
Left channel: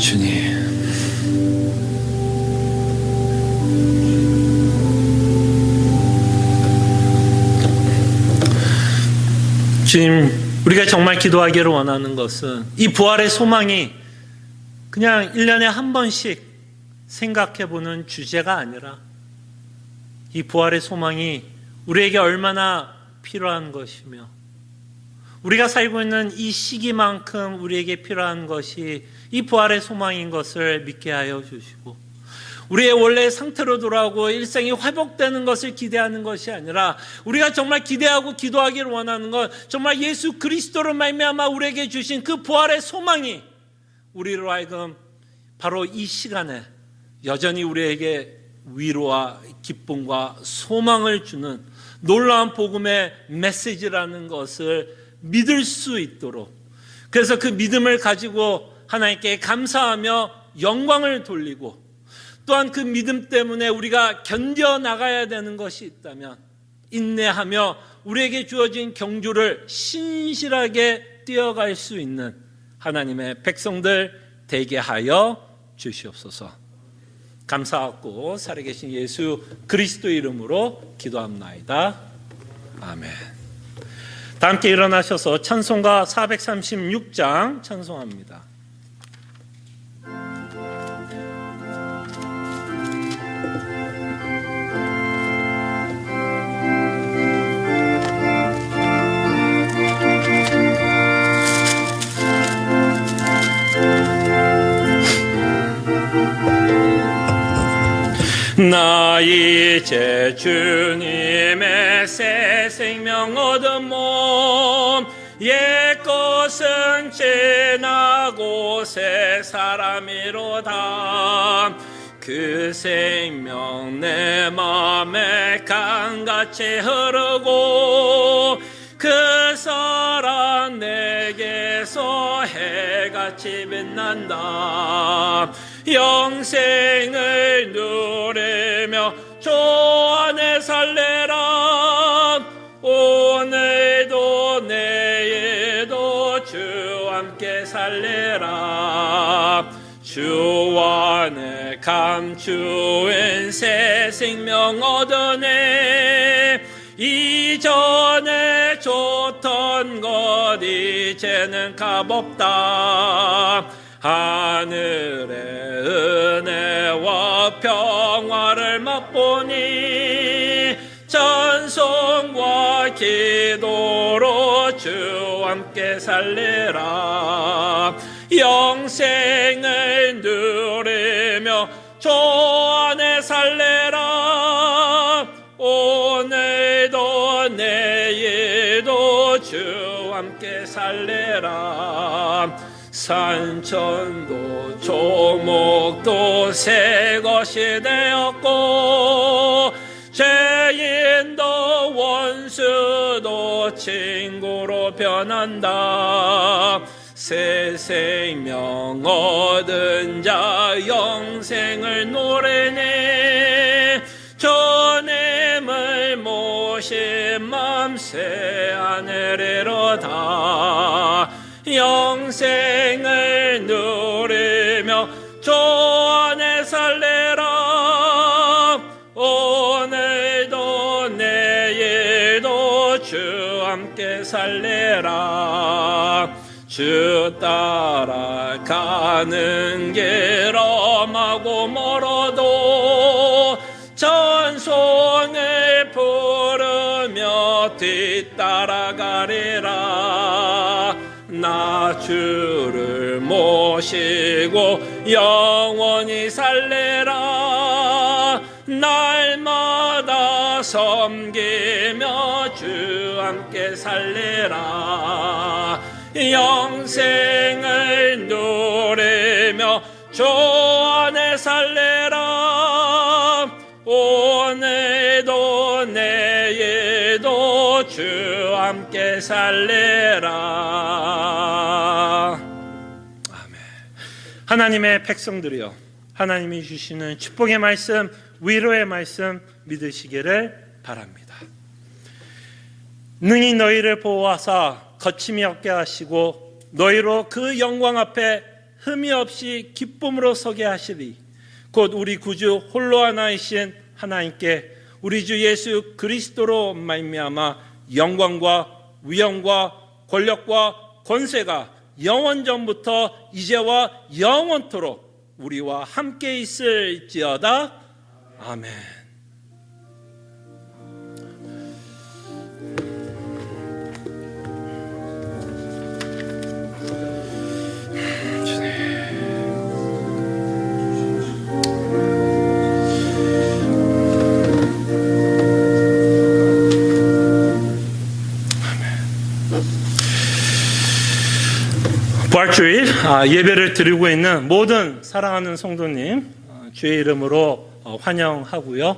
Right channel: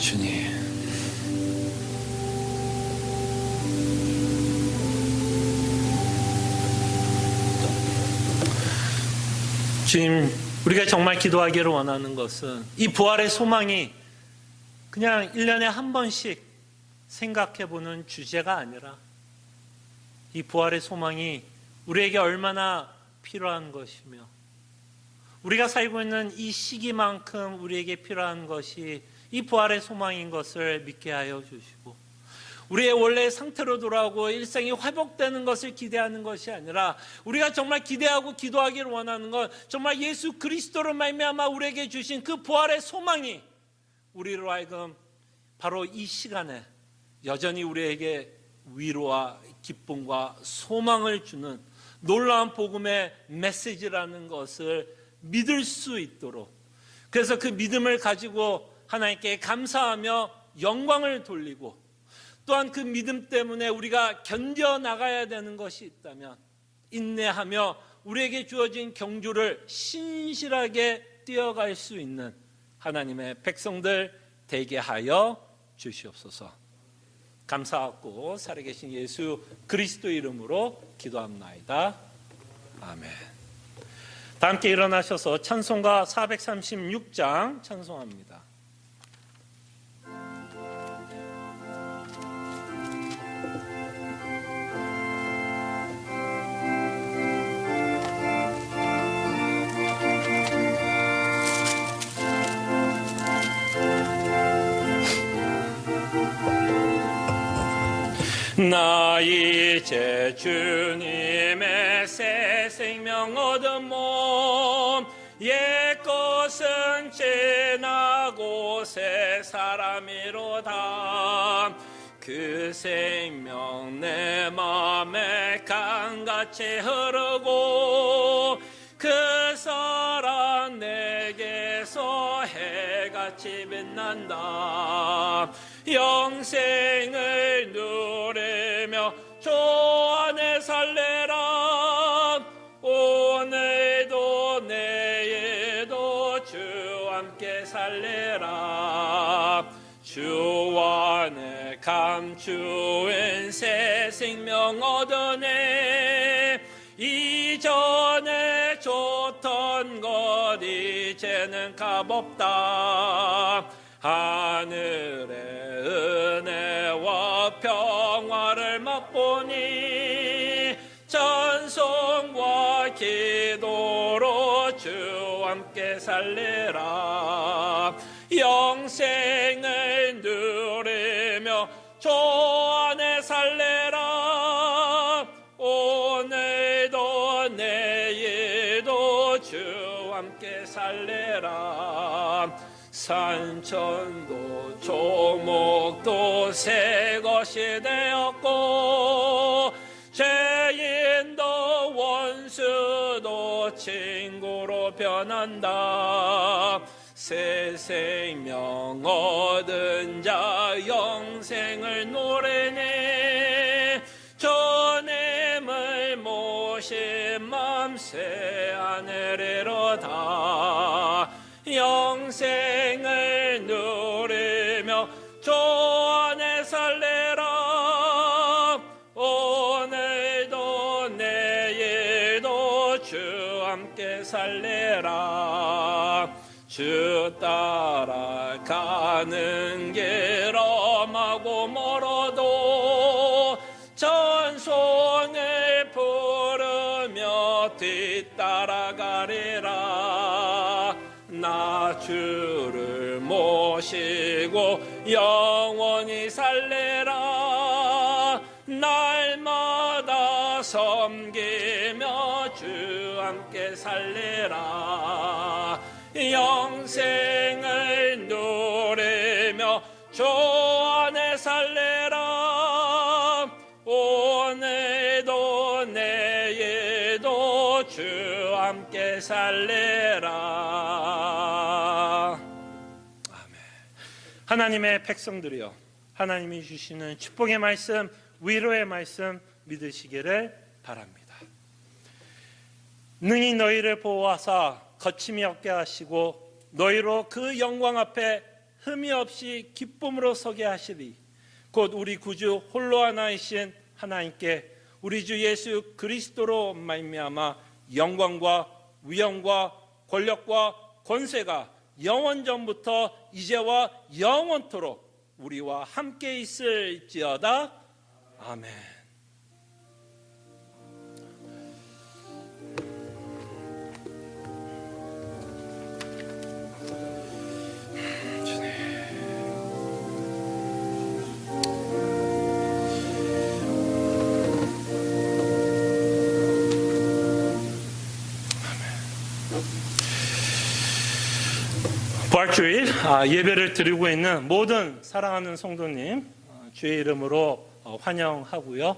주님, 주님, 우리가 정말 기도하기를 원하는 것은 이 부활의 소망이 그냥 1년에 한 번씩 생각해보는 주제가 아니라 이 부활의 소망이 우리에게 얼마나 필요한 것이며 우리가 살고 있는 이 시기만큼 우리에게 필요한 것이 이 부활의 소망인 것을 믿게 하여 주시고 우리의 원래 상태로 돌아오고 일생이 회복되는 것을 기대하는 것이 아니라 우리가 정말 기대하고 기도하기를 원하는 것, 정말 예수 그리스도로 말미암아 우리에게 주신 그 부활의 소망이 우리로 하여금 바로 이 시간에 여전히 우리에게 위로와 기쁨과 소망을 주는 놀라운 복음의 메시지라는 것을 믿을 수 있도록, 그래서 그 믿음을 가지고 하나님께 감사하며 영광을 돌리고, 또한 그 믿음 때문에 우리가 견뎌나가야 되는 것이 있다면 인내하며 우리에게 주어진 경주를 신실하게 뛰어갈 수 있는 하나님의 백성들 되게 하여 주시옵소서. 감사하고 살아계신 예수 그리스도 이름으로 기도합나이다. 아멘. 다 함께 일어나셔서 찬송가 436장 찬송합니다. 나 이제 주님의 새 생명 얻은 몸, 옛것은 지나고 새 사람이로다. 그 생명 내 맘에 강같이 흐르고 그 사랑 내게서 해같이 빛난다. 영생을 누리며 주 안에 살래라. 오늘도 내일도 주 함께 살래라. 주 안에 감추인 새 생명 얻으네. 이전에 좋던 것 이제는 값없다. 하늘의 은혜와 평화를 맛보니 찬송과 기도로 주 함께 살리라. 영생을 누리며 주 안에 살리라. 오늘도 내일도 주 함께 살리라. 산천도 조목도 새 것이 되었고 죄인도 원수도 친구로 변한다. 새 생명 얻은 자 영생을 노래네. 주님을 모신 맘 새 하늘이로다. 영생을 누리며 주 안에 살래라. 오늘도 내일도 주 함께 살래라. 주 따라가는 길 험하고 멀어도 찬송을 부르며 뒤따라가리라. 나 주를 모시고 영원히 살래라. 날마다 섬기며 주 함께 살래라. 영생을 누리며 주 안에 살래라. 오늘도 내일도 주 함께 살래라. 아멘. 하나님의 백성들이여, 하나님이 주시는 축복의 말씀, 위로의 말씀 믿으시기를 바랍니다. 능히 너희를 보호하사 거침이 없게 하시고 너희로 그 영광 앞에 흠이 없이 기쁨으로 서게 하시리. 곧 우리 구주 홀로 하나이신 하나님께 우리 주 예수 그리스도로 말미암아 영광과 위엄과 권력과 권세가 영원전부터 이제와 영원토록 우리와 함께 있을지어다. 아멘. 부활주일 예배를 드리고 있는 모든 사랑하는 성도님 주의 이름으로 환영하고요.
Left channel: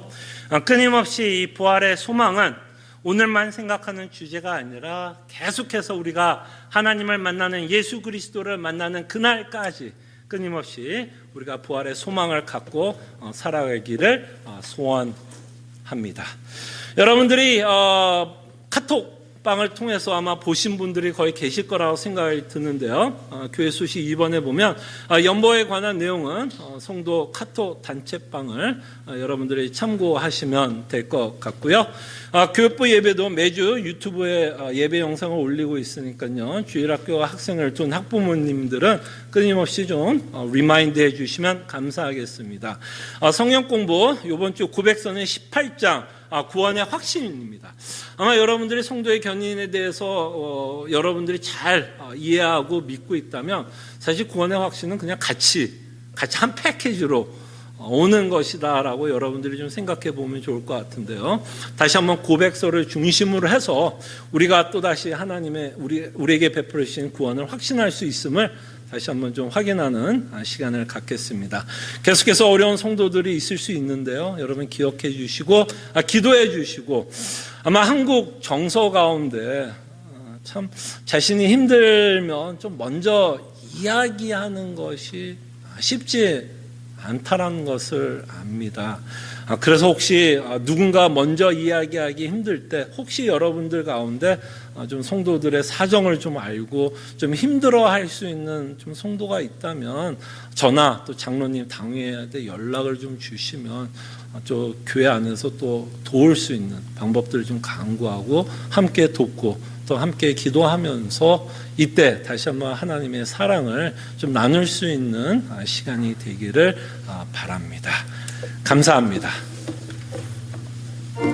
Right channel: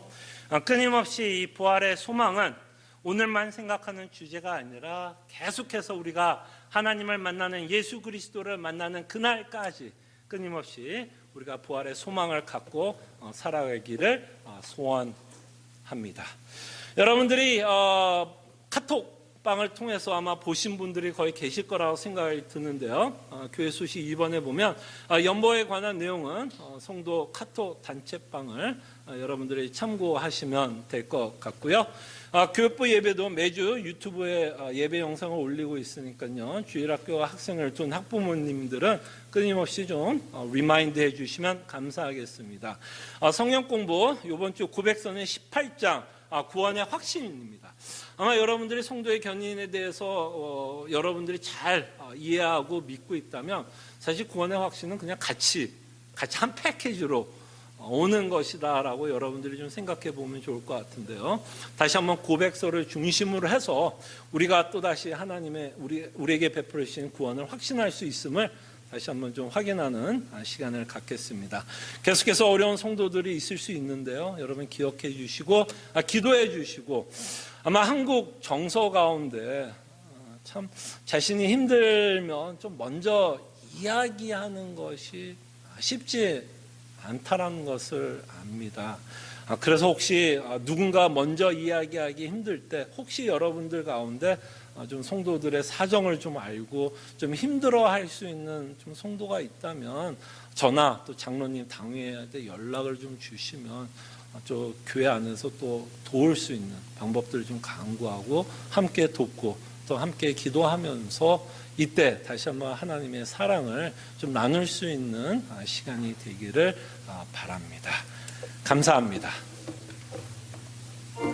끊임없이 이 부활의 소망은 오늘만 생각하는 주제가 아니라 계속해서 우리가 하나님을 만나는 예수 그리스도를 만나는 그날까지 끊임없이 우리가 부활의 소망을 갖고 살아가기를 소원합니다. 여러분들이 카톡방을 통해서 아마 보신 분들이 거의 계실 거라고 생각이 드는데요. 교회 소식 2번에 보면 연보에 관한 내용은 성도 카톡 단체방을 여러분들이 참고하시면 될 것 같고요. 교육부 예배도 매주 유튜브에 예배 영상을 올리고 있으니까요. 주일학교 학생을 둔 학부모님들은 끊임없이 좀 리마인드 해주시면 감사하겠습니다. 성경 공부 이번 주 고백서는 18장 구원의 확신입니다. 아마 여러분들이 성도의 견인에 대해서 여러분들이 잘 이해하고 믿고 있다면 사실 구원의 확신은 그냥 같이 한 패키지로 오는 것이다라고 여러분들이 좀 생각해 보면 좋을 것 같은데요. 다시 한번 고백서를 중심으로 해서 우리가 또다시 하나님의 우리에게 베풀어 주신 구원을 확신할 수 있음을 다시 한번 좀 확인하는 시간을 갖겠습니다. 계속해서 어려운 성도들이 있을 수 있는데요. 여러분 기억해 주시고 기도해 주시고 아마 한국 정서 가운데 참 자신이 힘들면 좀 먼저 이야기하는 것이 쉽지 않다라는 것을 압니다. 그래서 혹시 누군가 먼저 이야기하기 힘들 때 혹시 여러분들 가운데 좀 성도들의 사정을 좀 알고 좀 힘들어할 수 있는 좀 성도가 있다면 저나 또 장로님 당회에 연락을 좀 주시면 저 교회 안에서 또 도울 수 있는 방법들을 좀 강구하고 함께 돕고 또 함께 기도하면서 이때 다시 한번 하나님의 사랑을 좀 나눌 수 있는 시간이 되기를 바랍니다. 감사합니다.